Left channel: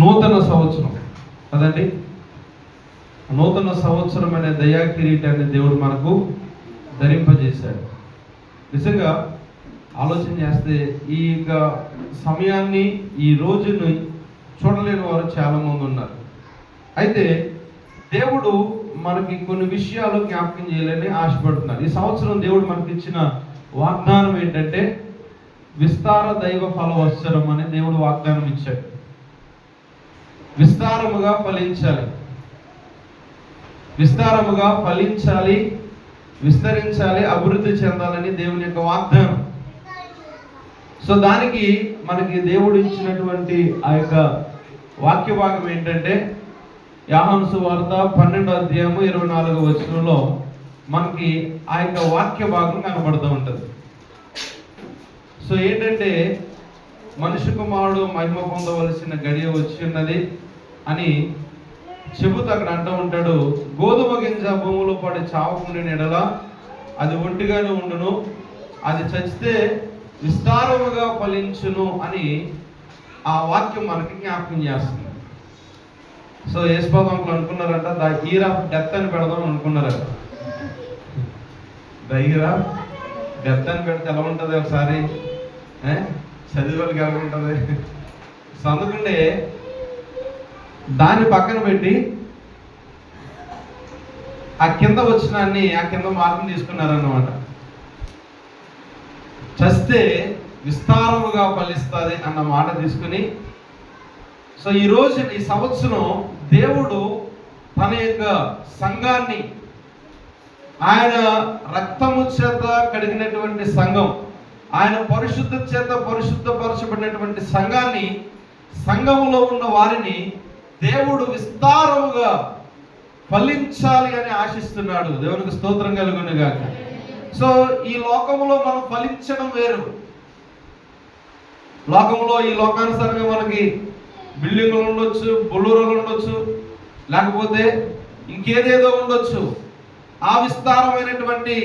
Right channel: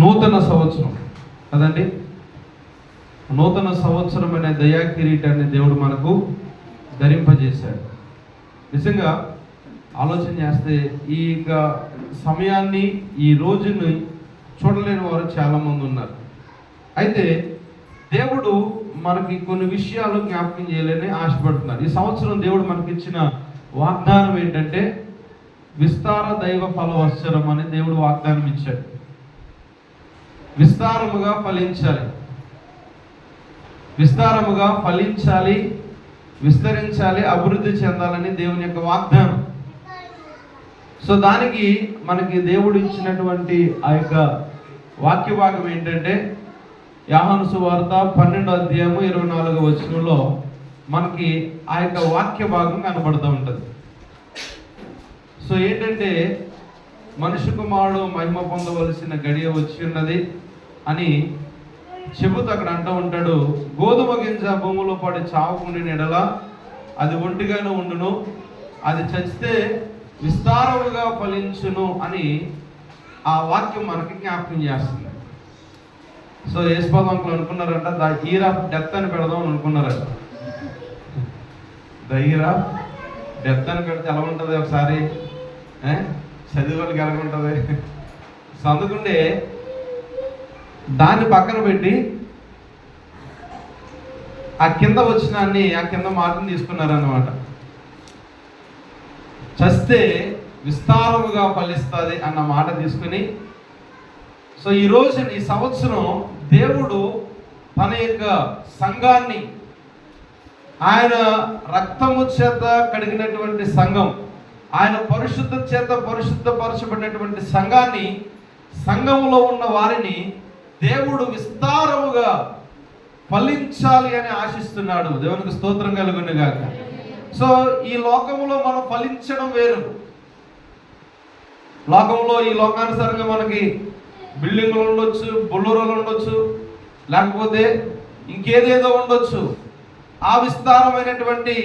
నూతన సంవత్సరం కదండి. నూతన సంవత్సరం అనే దయా కిరీటాన్ని దేవుడు మనకు ధరింపజేశాడు. నిజంగా ఆలోచన చేస్తే ఈ సమయాన్ని, ఈ రోజుని చూడలేని వారు చాలామంది ఉన్నారు. అయితే దేవుడు మనకి కొన్ని విషయాలు జ్ఞాపకం చేయాలని ఆశపడుతున్నాడు. ఈ సంవత్సరం దేవుడు మనకి ఇచ్చిన వాగ్దానం ఏంటంటే విస్తార దైవ ఫలవత్సరం అని దేవుడు వాగ్దానం ఇచ్చాడు. విస్తారముగా ఫలించాలి, విస్తారముగా ఫలించాలి, విస్తరించాలి, అభివృద్ధి చెందాలని దేవుని యొక్క వాగ్దానం. సో దానికి మనకి దేవుడు ఇచ్చినటువంటి ఆ యొక్క వాక్య భాగం ఏంటంటే యోహాను సువార్త 12:24 మనకి ఆ యొక్క వాక్య భాగం కనబడుతూ ఉంటుంది. సో ఏంటంటే మనుష్య కుమారుడు మహిమ పొందవలసిన గడియ వచ్చి ఉన్నది అని చెబుతూ అక్కడ అంటూ ఉంటాడు. గోధుమ గింజ భూమిలో పడి చావకుండిన ఎడల అది ఒంటిగానే ఉండును, అది చచ్చితే విస్తారముగా ఫలించును అని ఆ వాక్యం మనకి జ్ఞాపకం చేస్తుంది. సో యేసుపాదంకులు అనుకున్నారంట ద ఇయర్ ఆఫ్ డెత్ అని పెడదాం అనుకున్నారంట. ద ఇయర్ ఆఫ్ డెత్ అని పెడితే ఎలా ఉంటుంది? ఒకసారి చదివాళ్ళకి ఎలా ఉంటుంది? చదువుకుంటే దాన్ని పక్కన పెట్టి ఆ కింద వచ్చిన అన్ని ఆ కింద మార్కుని తీసుకున్నారన్నమాట. చస్తే విస్తారముగా ఫలిస్తుంది అన్న మాట తీసుకుని, సో ఈరోజు ఈ సంవత్సరం దేవుడు తన యొక్క సంఘాన్ని, ఆయన రక్తము చేత కడిగినటువంటి సంఘం, ఆయన పరిశుద్ధ చేత పరిశుద్ధపరచబడినటువంటి సంఘాన్ని, సంఘంలో ఉన్న వారిని దేవుడు విస్తారముగా ఫలించాలి అని ఆశిస్తున్నాడు. దేవునికి స్తోత్రం కలుగును గాక. సో ఈ లోకంలో మనం ఫలించడం వేరు. లోకంలో ఈ లోకానుసారంగా మనకి బిల్డింగ్లు ఉండొచ్చు, బొల్లూరులు ఉండొచ్చు, లేకపోతే ఇంకేదేదో ఉండొచ్చు. ఆ విస్తారమైనటువంటి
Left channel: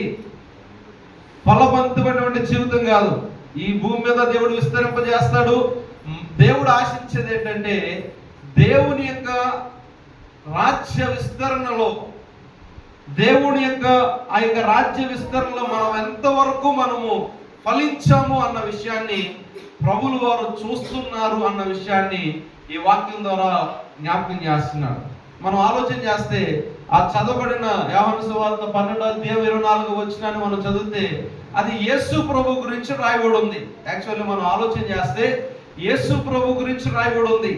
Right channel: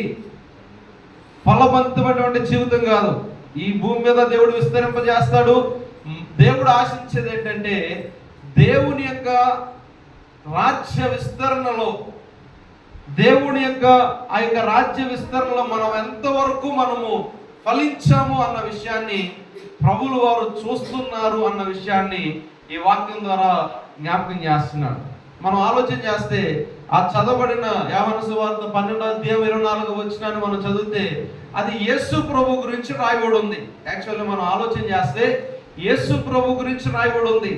ఫలవంతమైనటువంటి జీవితం కాదు. ఈ భూమి మీద దేవుడు విస్తరింపజేస్తాడు. దేవుడు ఆశించేది ఏంటంటే దేవుని యొక్క రాజ్య విస్తరణలో, దేవుని యొక్క ఆ యొక్క రాజ్య విస్తరణలో మనం ఎంతవరకు మనము ఫలించాము అన్న విషయాన్ని ప్రభువులు వారు చూస్తున్నారు అన్న విషయాన్ని ఈ వాక్యం ద్వారా జ్ఞాపకం చేస్తున్నాడు. మనం ఆలోచన చేస్తే ఆ చదవబడిన యోహాను సువార్త 12:24 మనం చదివితే అది యేసు ప్రభు గురించి రాయబడి ఉంది. యాక్చువల్లీ మనం ఆలోచన చేస్తే యేసు ప్రభు గురించి రాయబడి ఉంది.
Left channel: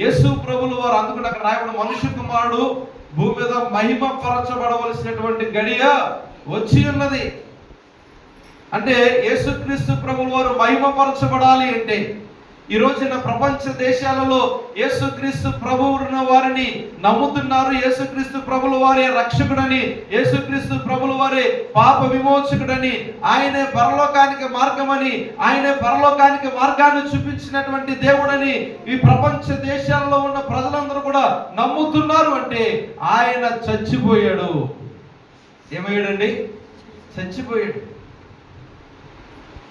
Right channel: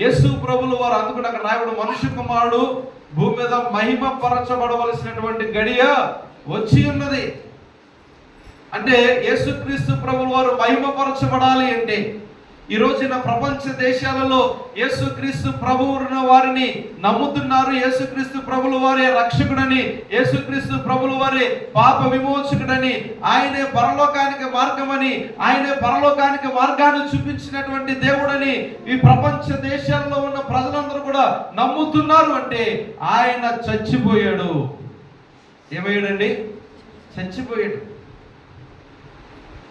యేసు ప్రభులు వారు అందుకుని అక్కడ రాయబడి మనుష్య కుమారుడు భూమి మీద మహిమ పరచబడవలసినటువంటి గడియ వచ్చి ఉన్నది. అంటే యేసుక్రీస్తు ప్రభులు వారు మహిమపరచబడాలి అంటే ఈ రోజున ప్రపంచ దేశాలలో యేసుక్రీస్తు ప్రభువును వారిని నమ్ముతున్నారు. యేసుక్రీస్తు ప్రభుల వారే రక్షకుడని, యేసుక్రీస్తు ప్రభుల వారే పాప విమోచకుడని, ఆయనే పరలోకానికి మార్గమని, ఆయనే పరలోకానికి మార్గాన్ని చూపించినటువంటి దేవుడని ఈ ప్రపంచ దేశాలలో ఉన్న ప్రజలందరూ కూడా నమ్ముతున్నారు. అంటే ఆయన చచ్చిపోయాడు. ఏమయ్యాడండి? చచ్చిపోయాడు.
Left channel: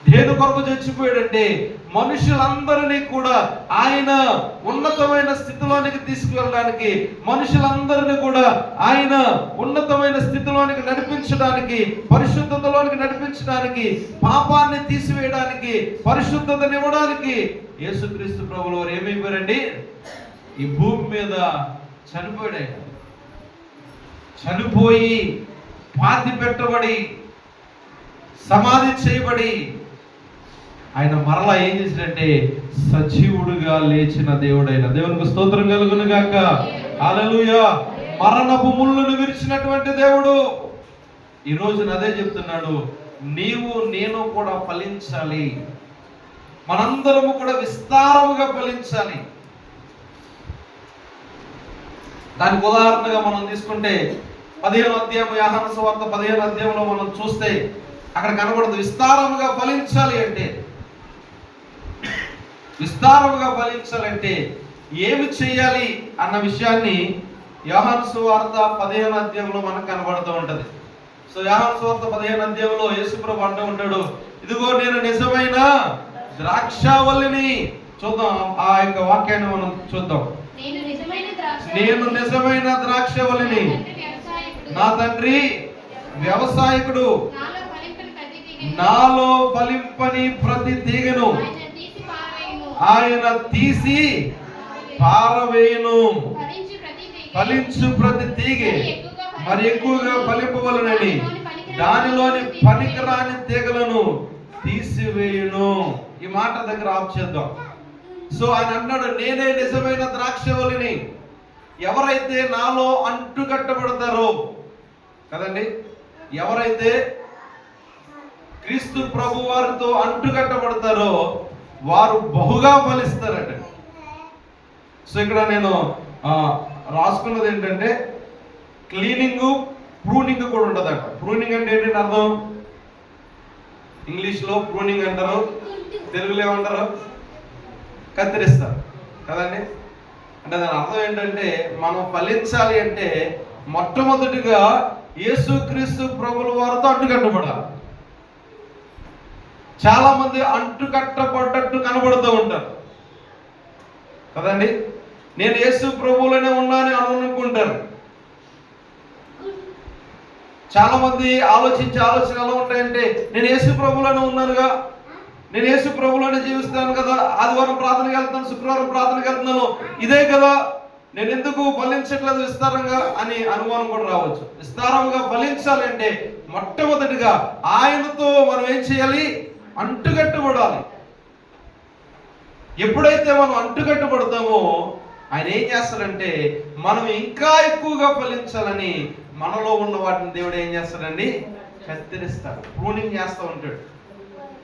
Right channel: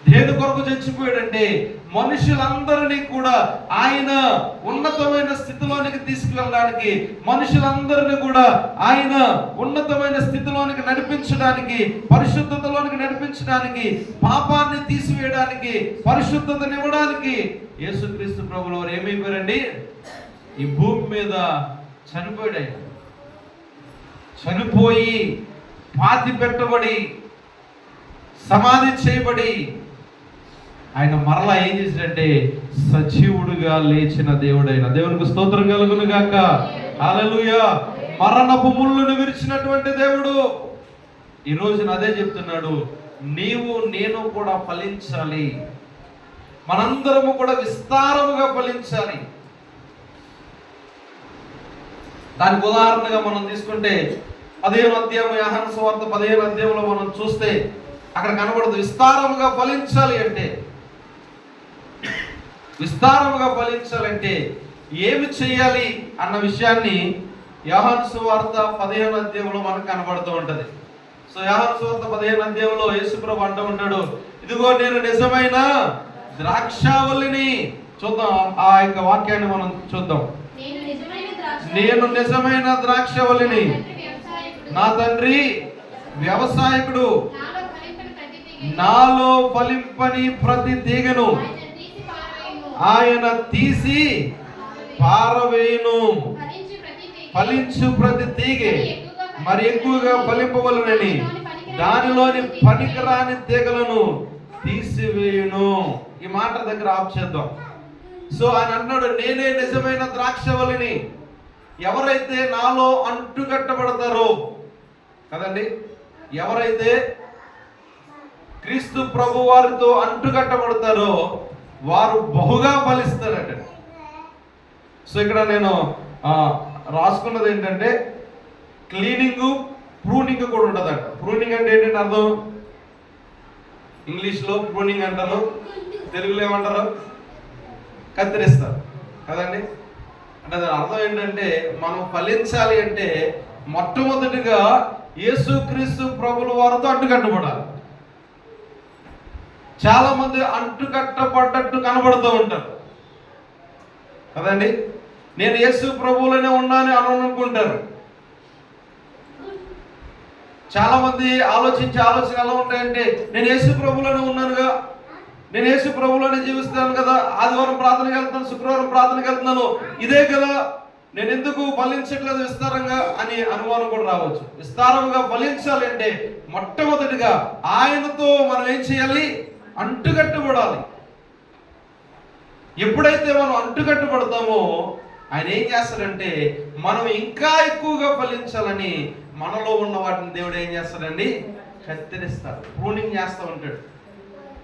దేని కొరకు చచ్చిపోయాడంటే మనుషులందరినీ కూడా ఆయన ఉన్నతమైన స్థితిలోనికి తీసుకువెళ్ళడానికి, మనుషులందరినీ కూడా ఆయన ఉన్నతమైన స్థితిలోనికి నడిపించడానికి, పరిశుద్ధతలోనికి నడిపించడానికి, పాపాన్ని తీసివేయడానికి, పరిశుద్ధతనివ్వడానికి యేసుక్రీస్తు ప్రభువులు వారు ఏమైపోయారండి? ఈ భూమి మీద చనిపోయాడు. ఆయన చనిపోయి పాతి పెట్టబడి సమాధి చేయబడి ఆయన మరలా ఏం చేసినట్టే సజీవుడుగా లేచిన దేవుడైన దేవునికి స్తోత్రం కలుగును గాక. హల్లెలూయా. మరణపు ముళ్ళును విరిచినటువంటి దేవుడు ఈ రోజున అదే చెప్తున్నాడు, నీవు నేను కూడా ఫలించాలి, మనందరము కూడా విస్తారముగా ఫలించాలి. దానికి ఉదాహరణగా మనం తీసుకుంటే 15వ అధ్యాయం యోహాను సువార్త 15వ అధ్యాయంలో మనం చూస్తే అక్కడ కనబడదు విస్తారముగా ఫలించాలి అంటే. విస్తారముగా ఫలించాలంటే ఏమి చేయాలి అన్న విషయాన్ని యోహాను సువార్త 15వ అధ్యాయంలో మనకు కనబడుతూ ఉంటది. సో యోహాను సువార్త 15వ అధ్యాయంలో యేసు ప్రభు అంటూ ఉంటాడు, ఇదిగో నేను నిజమైన ద్రాక్షావల్లిని, చూద్దాం, ఆ యొక్క వాక్యాన్ని మనం చూద్దాం. నేను నిజమైన ద్రాక్షవల్లిని, నా తండ్రి వ్యవసాయకుడు, నాలో ఫలింపని ప్రతి తీగను ఆయన తీసి పారవేయును. ఫలించు ప్రతి తీగె మరి ఎక్కువగా ఫలింపవలనని దానిలోని పనికిరాని తీగలను తీసివేయును. ఈ మాట దగ్గర ఆఫ్ చేద్దాం. సో ఆయన అన్నాడు, నేనే నిజమైన ద్రాక్షవల్లిని. ఎవరైతే నాలో అంటుకట్టబడతారో కదండి, ఎవరైతే క్రీస్తు ప్రభు వారితో అంటుకట్టబడతారో వారు బహుగా ఫలిస్తారట. సో ఇక్కడ నేను రాసుకున్నది ఏంటంటే క్లీనింగ్, ప్రూనింగ్ కూడా ఉంటుందట. ప్రూనింగ్ అంటే ఏంటంటే అర్థం, ఇంగ్లీష్లో ప్రూనింగ్ అంటారు, తెలుగులో ఏమంటారు, కత్తిరిస్తారు కదండి. అంటే దాని అర్థం ఏంటంటే మనం ఫలించాలి అంటే మొట్టమొదటిగా యేసుక్రీస్తు ప్రభుల వారితో అంటుకట్టబడాలి. చాలా మంది అంటుకట్టబడ్డట్టు కనబడుతూ ఉంటారు కదండి. నేను యేసు ప్రభువులోనే ఉన్నాను అని అనుకుంటారు. చాలా మంది ఆలోచన ఎలా ఉంటాయంటే, నేను యేసు ప్రభువులోనే ఉన్నానుగా, నేను యేసు ప్రభువులోనే జీవిస్తాను కదా, ఆదివారం ప్రార్థనకి వెళ్తున్నాను, శుక్రవారం ప్రార్థనకి వెళ్తున్నాను, ఇదే కదా, నేను ఎందుకు ఫలించట్లేదు విస్తారంగా అని అనుమానం కూడా రావచ్చు. విస్తారంగా ఫలించాలి అంటే మొట్టమొదటిగా ఆయనతో మనం ఏం చేయాలి, అంటుకట్టుబడాలి. ఎప్పుడైతే మనం అంటుకట్టుబడతామో ఆయన ఏం చేస్తాడంటే మనం ఇంకా ఎక్కువగా ఫలించాలని మనలో ఉన్న వాటిని దేవుడు ఏం చేస్తాడండి, కత్తిరిస్తాడు, ప్రూనింగ్ చేస్తూ ఉంటాడు,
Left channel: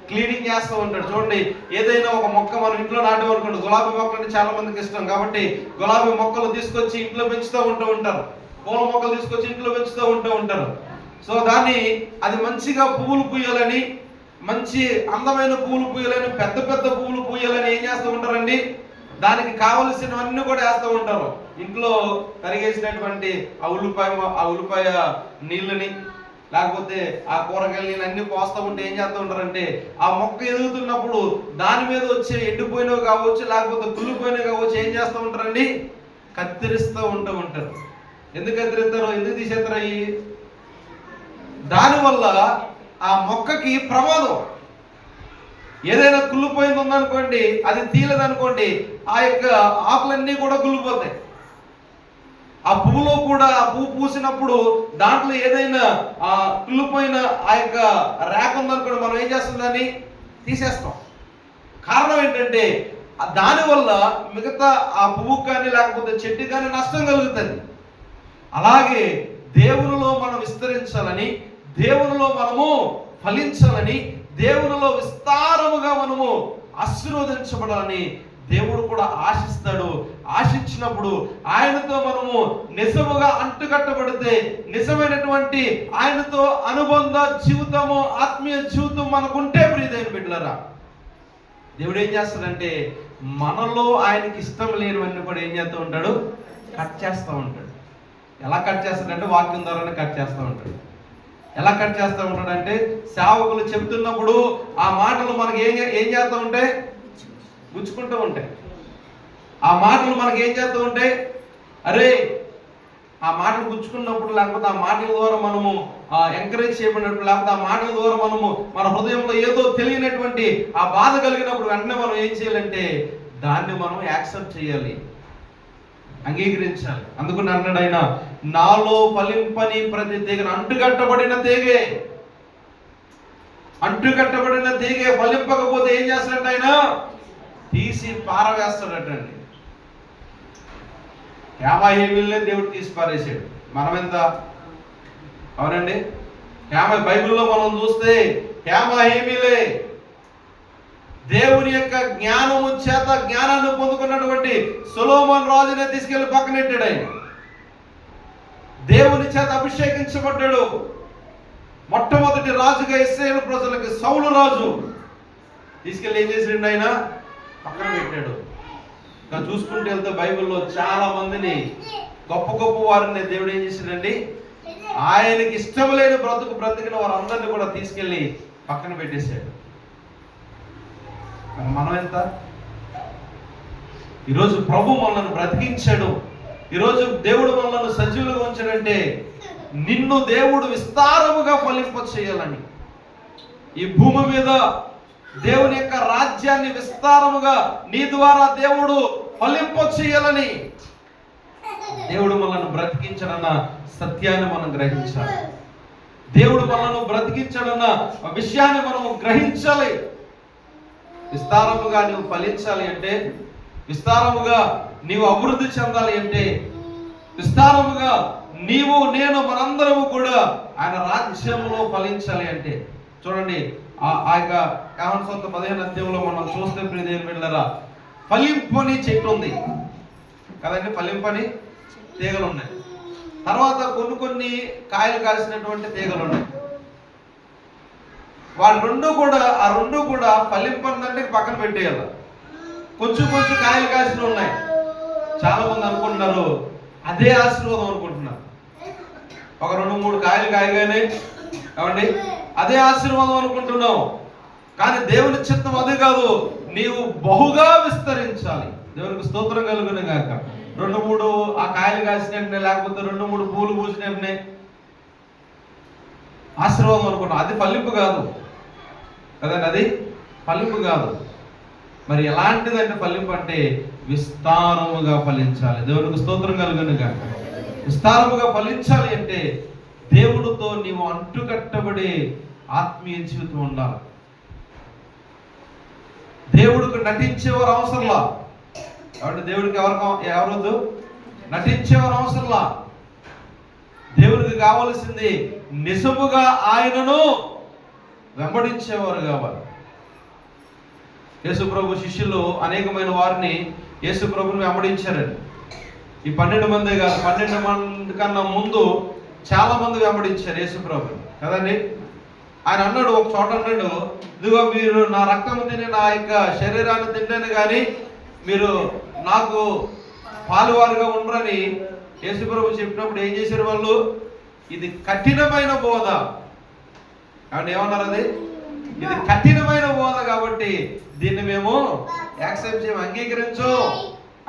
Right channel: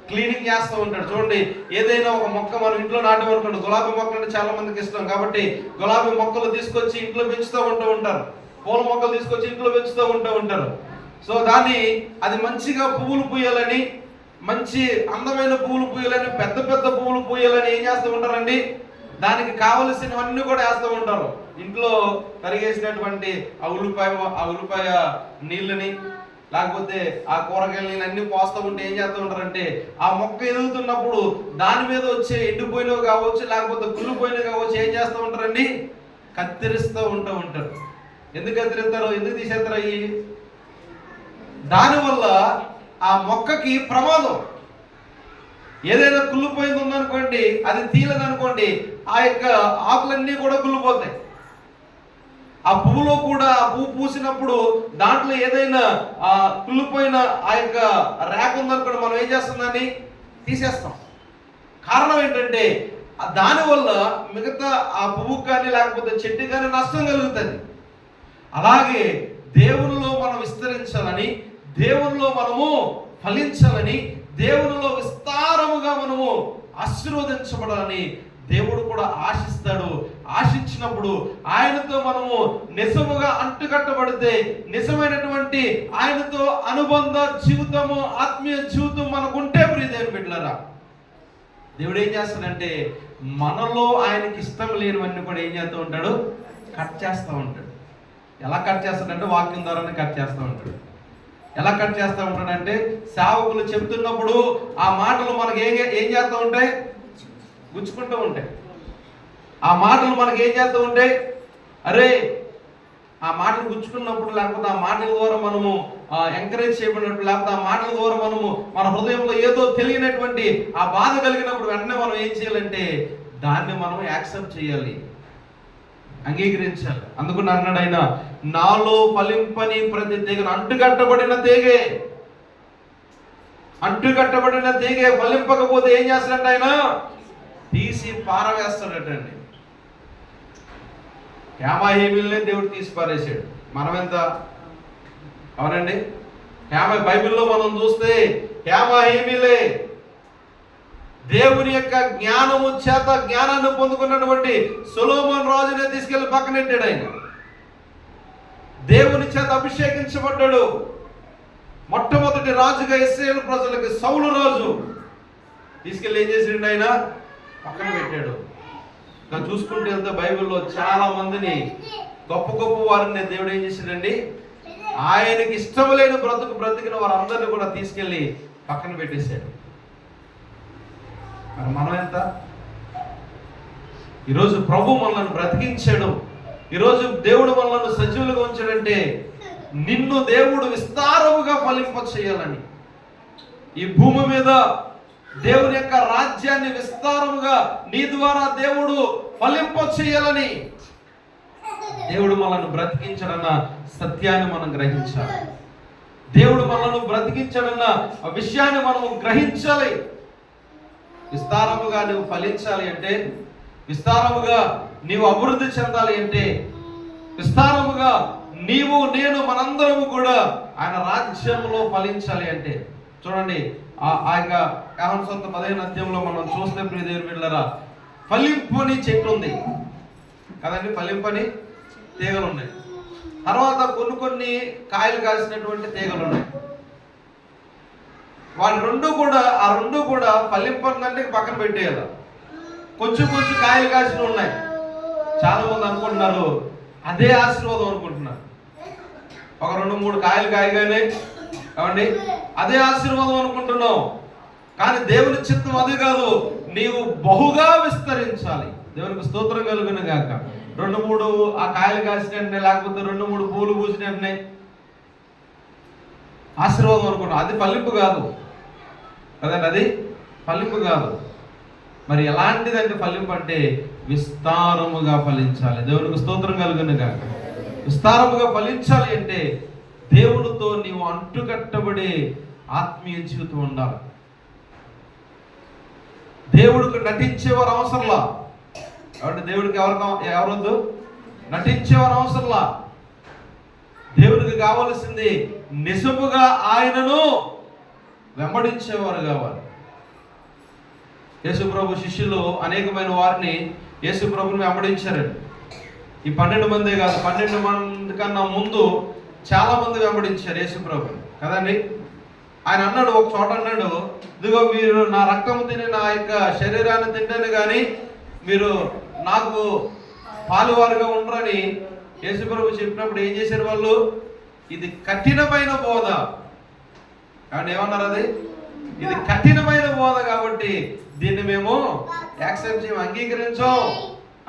క్లీనింగ్ చేస్తూ ఉంటాడు. చూడండి, ఏదైనా ఒక మొక్క మనం ఇంట్లో నాటమనుకోండి, గులాబీ మొక్కలు అంటే చాలా మందికి ఇష్టం కాబట్టి గులాబీ మొక్కలు తీసుకొచ్చి ఇంట్లో పెంచుతూ ఉంటారు, పూల మొక్కలు తీసుకొచ్చి ఇంట్లో పెంచుతూ ఉంటారు. సో దాన్ని అది మంచిగా పువ్వులు పూయాలని, మంచి అందమైన పువ్వులు పూయాలని, పెద్ద పెద్ద పువ్వులు పూయాలని ఏం చేస్తూ ఉంటారండి, దానికి కావలసినవన్నీ కూడా వేస్తూ ఉంటారు. ఇంట్లో కరిగేసినటువంటి ఆ ఉల్లిపాయ నీళ్ళని, లేకపోతే ఆ కూరగాయల నీళ్ళు అన్ని పోస్తూ ఉంటే ఏం చేస్తూ ఉంటారంటే ఆ మొక్క ఎదుగుతున్నప్పుడు దాని మీద వచ్చే ఎండిపోయినవి కావచ్చు, లేకపోతే కుళ్ళిపోయినవి కావచ్చు, ఏం చేస్తూ ఉంటారండి, కత్తిరిస్తూ ఉంటారు. ఎందుకు కత్తిరిస్తారు, ఎందుకు తీసేస్తారు? అవి దానివల్ల ఆ మొక్కకి ప్రమాదం. ఏదైనా కుళ్ళిపోయింది ఉందనుకోండి, అది తీయలేదనుకోండి, ఆ యొక్క ఆకులన్నీ కూడా కుళ్ళిపోతాయి. ఆ పువ్వులో కూడా ఆ పువ్వు పూసినప్పుడు దాంట్లో ఏదైనా కుళ్ళిపోయిన ఆ యొక్క రేఖ ఉందనుకోండి, మనం ఏం చేస్తుందని తీసేస్తాం. కారణం ఏంటంటే దానివల్ల మిగతా ఆ పువ్వుకు కానీ లేకపోతే చెట్టు కానీ నష్టం కలుగుతుంది. అలాగే దేవునిలో మనం విస్తరించాలని, దేవునిలో మనము ఫలించాలని, దేవునిలో విస్తారముగా మనము ఆశీర్వదించబడాలని దేవుడు కూడా ఆశిస్తాడు. ఆశించినప్పుడు ఆయనతో మనము నిజముగా అంటుకట్టబడితే, నిజమైనటువంటి ఆయనతో అనుబంధ జీవితము, ఆత్మీయ జీవితం మనకుంటే ప్రియదేవుని బిడ్డలారా, దేవుడు ఏం చేస్తాడంటే మనలో ఆయనకి ఇష్టం లేనివన్నీ కూడా ఏం చేస్తూ ఉంటాడు, కట్ చేస్తూ ఉంటాడు. ఎలా కట్ చేస్తాడంటే వాక్యం ద్వారానే కట్ చేస్తూ ఉంటాడు. ఎలా కట్ చేస్తూ ఉంటాడంటే సేవకులు చెబుతున్నప్పుడు ఆ మాటలు మనకి ఏం చేస్తూ ఉంటాయి, గుచ్చుకుంటూ ఉంటాయి. ఆ మాటలు మనకి ఏం చేస్తూ ఉంటాయి, అరే ఆ మాటలు గుచ్చుకున్నప్పుడు, లేకపోతే ఆ మాటల ద్వారా మనము ఎంకరేజ్ చేయబడినప్పుడు, లేకపోతే ఆ మాటల ద్వారా మనము మన హృదయంలో ఏదో తెలియనటువంటి ఆ బాధ కలిగినప్పుడు వెంటనే మనం ఏం చేయాలంటే దాన్ని మనం యాక్సెప్ట్ చేయాలి, అంగీకరించాలి. అందుకు అన్నాడు ఆయన, నాలో ఫలింపని ప్రతి తీగను, అంటుకట్టబడిన తీగే ఫలింపకపోతే ఏం చేస్తాడంటే ఆయన తీసి పారవేస్తాడటండి. హేమాహేమిల్నే దేవుడు తీసి పారేసాడు. మనమెంత, అవునండి? బైబిల్లో మనం చూస్తే హేమాహేమిలే దేవుని యొక్క జ్ఞానము చేత జ్ఞానాన్ని పొందుకున్నటువంటి సొలొమోను రాజునే తీసుకెళ్లి పక్కనెట్టాడు. ఆయన దేవుని చేత అభిషేకించబడ్డాడు. మొట్టమొదటి రాజుగా ఇశ్రాయేలు ప్రజలకు సౌలు రాజు తీసుకెళ్ళి ఏం చేసాడు, ఆయన పక్కన పెట్టాడు. ఇంకా చూసుకుంటూ వెళ్తే బైబిల్లో చాలా మందిని, గొప్ప గొప్ప వారిని దేవుడు ఏం చేశాడండి, ఆయనకి ఇష్టం లేని బ్రతికిన వారందరినీ కూడా తీసుకెళ్ళి పక్కన పెట్టేశాడు. మనం ఎంత ఈరోజు ప్రభు మనల్ని బ్రతికించాడు. ఈరోజు దేవుడు మనల్ని సజీవులుగా ఉంచాడంటే నిన్ను దేవుడు విస్తారముగా ఫలింప చేయాలని, ఈ భూమి మీద దేవుని యొక్క రాజ్యాన్ని విస్తారముగా నీ ద్వారా దేవుడు ఫలింప చేయాలని దేవుడు మనల్ని బ్రతికించడన్న సత్యాన్ని మనం గ్రహించాలి. దేవుడు మనల్ని బ్రతికించడన్న విషయాన్ని మనం గ్రహించాలి. విస్తారముగా నువ్వు ఫలించాలి అంటే, విస్తారముగా నీవు అభివృద్ధి చెందాలి అంటే, విస్తారముగా నీవు నేను మనందరము కూడా ఆయన రాజ్యంలో ఫలించాలి అంటే, చూడండి ఆ యొక్క యోహాను సువార్త 15వ అధ్యాయంలో మనం చూస్తే ప్రియ దేవుని బిడ్డలారా, ఫలింపని చెట్టు ఉంది కదండి, ఫలింపని తీగలు ఉన్నాయి. తర్వాత కొన్ని కాయలు కాసినటువంటి తీగలు ఉన్నాయి. వాటి ఆ రెండు కూడా ఫలింపందంటే పక్కన పెట్టేయాలి. కొంచెం కాయలు కాసిన ఉన్నాయి. చాలా మంది అనుకుంటున్నారు అదే ఆశీర్వాదం అనుకుంటున్నారు. ఒక 2-3 కాయలు కాయగానే ఏమండి అదే ఆశీర్వాదం అనుకుంటున్నావు. కానీ దేవుని చిత్తం అది కాదు. నీవు బహుగా విస్తరించాలి. దేవునికి స్తోత్రం కలుగును గాక. 2-3 ఆ కాయలు కాసినట్టే, లేకపోతే 2-3 పూలు పూసినట్టే ఆశీర్వాదం అనుకుంటున్నావు. అది ఫలింపు కాదు కదండి, అది ఫలింపు కాదు. మరి ఎలాంటిదంటే ఫలింపు అంటే విస్తారముగా ఫలించాలి. దేవునికి స్తోత్రం కలుగును గాక. విస్తారముగా ఫలించాలి అంటే దేవునితో నీవు అంటుకట్టబడి ఆత్మీయ జీవితం ఉండాలి. దేవుడికి నటించేవారు అవసరంలా. కాబట్టి దేవుడికి ఎవరొద్దు, నటించేవారు అవసరంలా. దేవుడికి కావలసింది నిజముగా ఆయనను వెంబడించేవారు కావాలి. యేసుప్రభు శిష్యులు అనేకమైన వారిని యేసుప్రభుని వెంబడించారండి. ఈ 12 మందే కాదు, 12 మంది కన్నా ముందు చాలా మంది వెంబడించారు యేసుప్రభుని కదండి. ఆయన అన్నాడు, ఒక చోట అన్నాడు, ఇదిగో మీరు నా రక్తము తిని నా యొక్క శరీరాన్ని తింటాను కానీ మీరు నాకు పాలువారుగా ఉండరని యేసుప్రభు చెప్పినప్పుడు ఏం చేశారు వాళ్ళు? ఇది కఠినమైన బోధ. కాబట్టి ఏమన్నారు? అది ఇది కఠినమైన బోధ కాబట్టి దీన్ని మేము యాక్సెప్ట్ చేయం, అంగీకరించం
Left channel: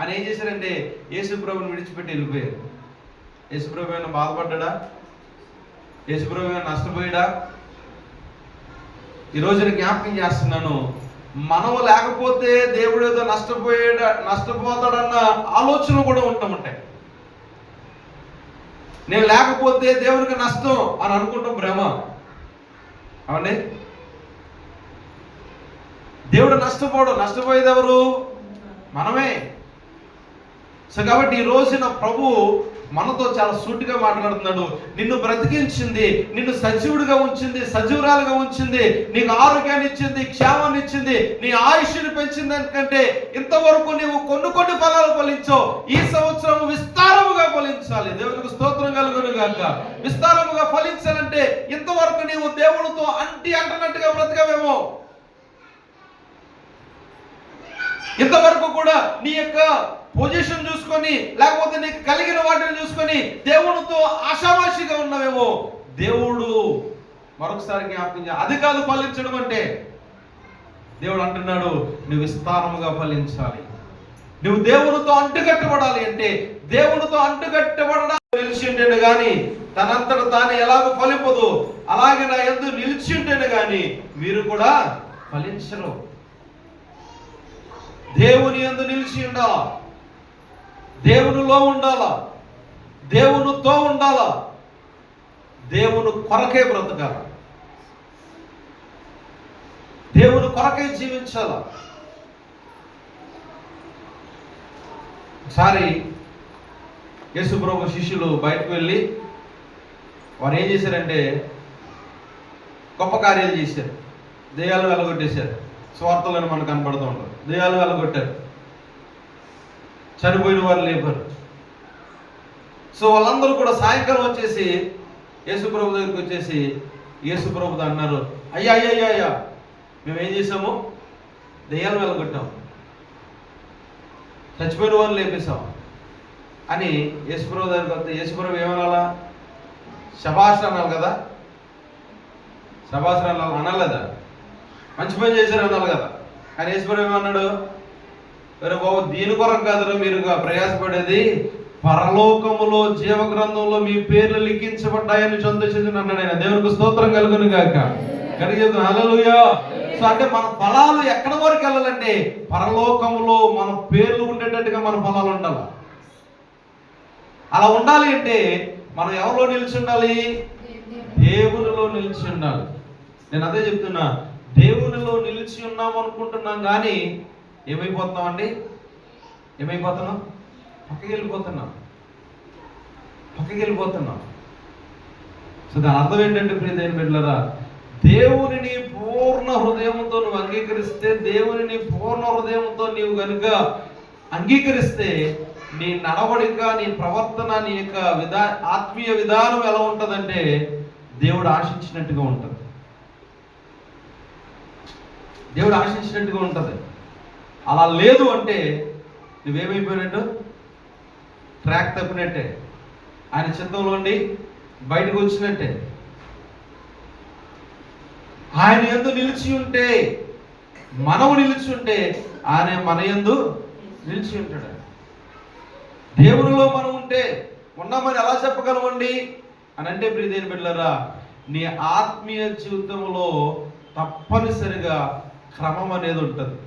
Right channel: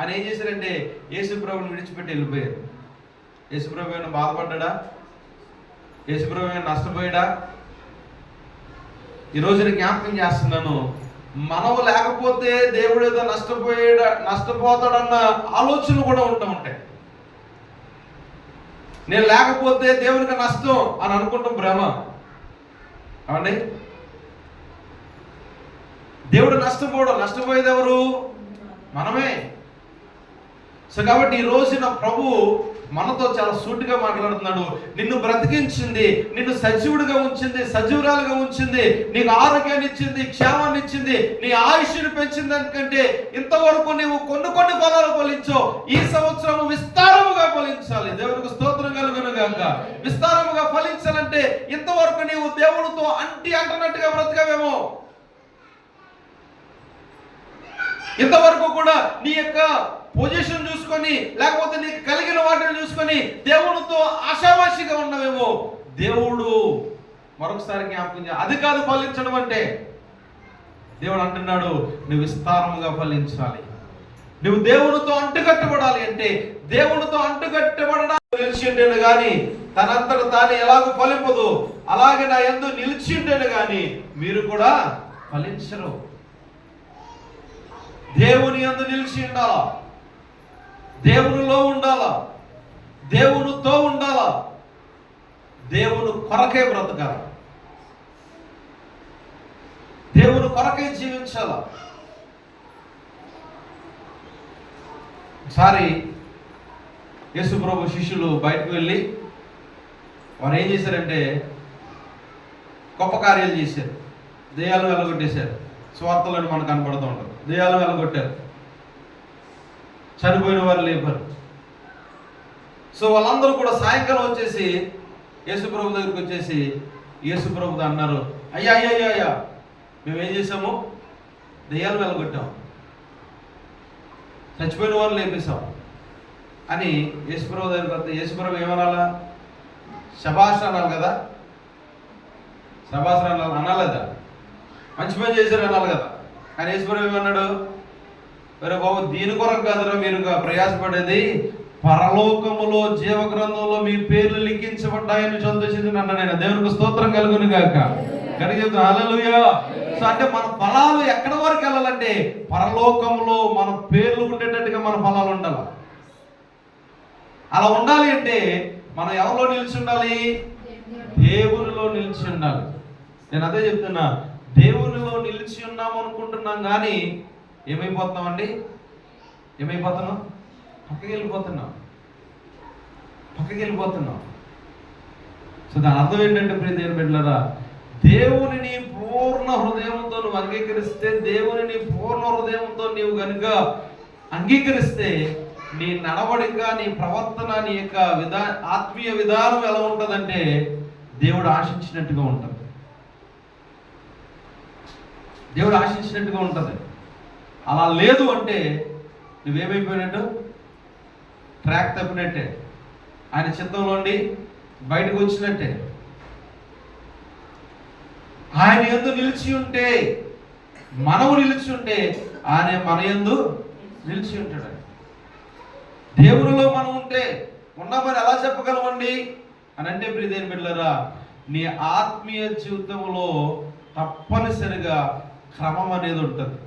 అని ఏం చేశారంటే యేసుప్రభుని విడిచిపెట్టి వెళ్ళిపోయారు. యేసుప్రభు ఏమైనా బాధపడ్డా? యేసుప్రభు ఏమైనా నష్టపోయాడా? ఈ రోజున జ్ఞాపకం చేస్తున్నాను, మనము లేకపోతే దేవుడు ఏదో నష్టపోతాడన్న ఆలోచనలు కూడా ఉంటాయి. నేను లేకపోతే దేవునికి నష్టం అని అనుకుంటాం, భ్రమ. అవండి, దేవుడు నష్టపోయేది ఎవరు? మనమే. సో కాబట్టి ఈ రోజున ప్రభు మనతో చాలా సూటిగా మాట్లాడుతున్నాడు. నిన్ను బ్రతికించింది, నిన్ను సజీవుడిగా ఉంచింది, సజీవురాలుగా ఉంచింది, నీకు ఆరోగ్యాన్ని ఇచ్చింది, క్షేమాన్ని ఇచ్చింది, నీ ఆయుష్ని పెంచింది. ఎందుకంటే ఇంతవరకు నీవు కొన్ని ఫలాలు ఫలించావు. ఈ సంవత్సరం విస్తారముగా ఫలించాలి. దేవునికి స్తోత్రం కలుగును గాక. విస్తారముగా ఫలించాలంటే ఇంతవరకు నీవు దేవుడితో అంటున్నట్టుగా బ్రతకవేమో. ఇంతవరకు కూడా నీ యొక్క పొజిషన్ చూసుకొని, లేకపోతే నీకు కలిగిన వాటిని చూసుకొని దేవుడితో ఆశావాసిగా ఉన్నవేమో. దేవుడు మరొకసారి జ్ఞాపకం చేయాలి, అది కాదు ఫలించడం అంటే. దేవుడు అంటున్నాడు, నువ్వు విస్తారముగా ఫలించాలి. నువ్వు దేవునితో అంటుకట్టబడాలి అంటే, దేవునితో అంటుకట్టబడడానికి నిలిచి ఉండేను కానీ తనంతట తాను ఎలాగో ఫలింపదు, అలాగే నా యందు నిలిచి ఉండేను కానీ మీరు కూడా ఫలించరు. దేవుని యందు నిలిచి ఉండాలా, దేవునిలో ఉండాలా, దేవునితో ఉండాలా, దేవుని కొరకే బ్రతకాలి, దేవుని కొరకే జీవించాలా. ఒకసారి యేసుప్రభు శిష్యులు బయటకు వెళ్ళి వారు ఏం చేశారంటే గొప్ప కార్యాలు చేశారు. దెయ్యాలు వెలగొట్టేశారు. స్వార్థలను మనకు కనపడుతూ ఉంటుంది. దెయ్యాలు వెలగొట్టారు, చనిపోయిన వారు లేపారు. సో వాళ్ళందరూ కూడా సాయంకాలం వచ్చేసి యేసుప్రభు దగ్గరికి వచ్చేసి యేసుప్రభుతో అన్నారు, అయ్యా మేము ఏం చేసాము? దెయ్యాలు వెలగొట్టాం, చచ్చిపోయిన వారు లేపేశాం అని యేసుప్రభు దగ్గరికి వస్తే యేసుప్రభు ఏమనాలా? శభాష్ అనాలి కదా, శభాష్ అనాలి, అనాలేదా? మంచి పని చేశారు అనాలి కదా. కానీ యేసుప్రభు ఏమన్నాడు? అరే బాబు, దీని కొరకు కాదురా మీరు ప్రయాసపడేది, పరలోకములో జీవ గ్రంథంలో మీ పేర్లు లిఖించబడ్డాయని సంతోషించి అన్నాడు ఆయన. దేవునికి స్తోత్రం కలుగును గాక. చెప్తాను హల్లెలూయా. సో అంటే మన ఫలాలు ఎక్కడ వరకు వెళ్ళాలంటే పరలోకంలో మన పేర్లు ఉండేటట్టుగా మన ఫలాలు ఉండాలి. అలా ఉండాలి అంటే మనం ఎవరిలో నిలిచి ఉండాలి? దేవునిలో నిలిచి ఉండాలి. నేను అదే చెప్తున్నా, దేవునిలో నిలిచి ఉన్నాం అనుకుంటున్నాం కానీ ఏమైపోతున్నామండి? ఏమైపోతున్నాం? పక్కకి వెళ్ళిపోతున్నాం. సో దాని అర్థం ఏంటంటే ప్రియ దేవుని బిడ్డలారా, దేవునిని పూర్ణ హృదయంతో నువ్వు అంగీకరిస్తే, దేవునిని పూర్ణ హృదయంతో నీవు కనుక అంగీకరిస్తే నీ నడవడిక, నీ ప్రవర్తన, నీ యొక్క ఆత్మీయ విధానం ఎలా ఉంటుందంటే దేవుడు ఆశించినట్టుగా ఉంటుంది. దేవుడు ఆశించినట్టుగా ఉంటుంది. అలా లేదు అంటే నువ్వేమైపోయినట్టు? ట్రాక్ తప్పినట్టే, ఆయన చిత్తంలోండి బయటకు వచ్చినట్టే. ఆయన యందు నిలిచి ఉంటే, మనము నిలిచి ఉంటే ఆయన మన యందు నిలిచి ఉంటాడు. దేవునిలో మనం ఉంటే ఉన్నామని ఎలా చెప్పగలమండి అని అంటే ప్రియ దేవుని బిడ్డలారా, నీ ఆత్మీయ జీవితంలో తప్పనిసరిగా క్రమం అనేది ఉంటుంది.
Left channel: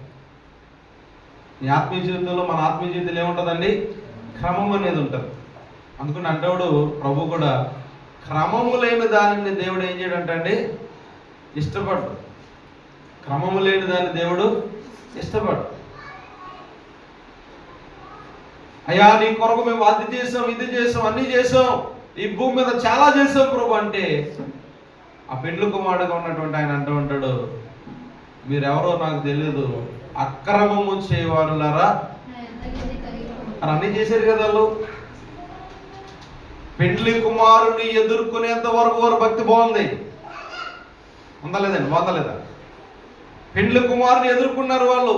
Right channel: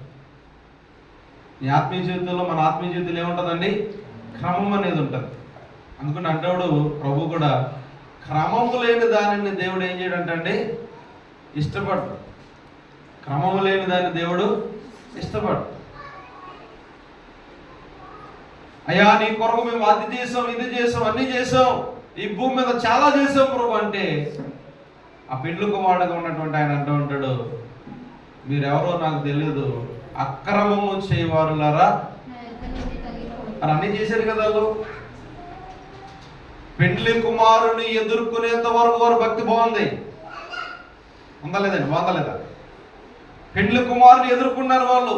నీ ఆత్మీయ జీవితంలో, మన ఆత్మీయ జీవితంలో ఏముంటుందండి? క్రమం అనేది ఉంటుంది. అందుకని అంటేవాడు ప్రభు కూడా, క్రమము లేని దానిని దేవుడు ఏం చేయడంటే ఇష్టపడు. క్రమము లేని దాన్ని దేవుడు ఇష్టపడు. అయ్యా నీ కొరకు మేము అది చేసాం, ఇది చేసాం, అన్ని చేసాం, ఈ భూమి మీద చాలా చేసాం ప్రభు అంటే, ఆ పెండ్లి కుమారుడుగా ఉన్నటువంటి ఆయన అంటూ ఉంటాడు, మీరెవరో నాకు తెలియదు, అక్రమము చేయవారులారా అని అన్ని చేశారు కదా వాళ్ళు. పెండ్లి కుమారుని ఎదుర్కొనేంత వరకు వారు భక్తి బాగుంది, ఉందలేదండి? బాగుందలేదా? పెండ్లి కుమారుని ఎదుర్కొన్నారు వాళ్ళు.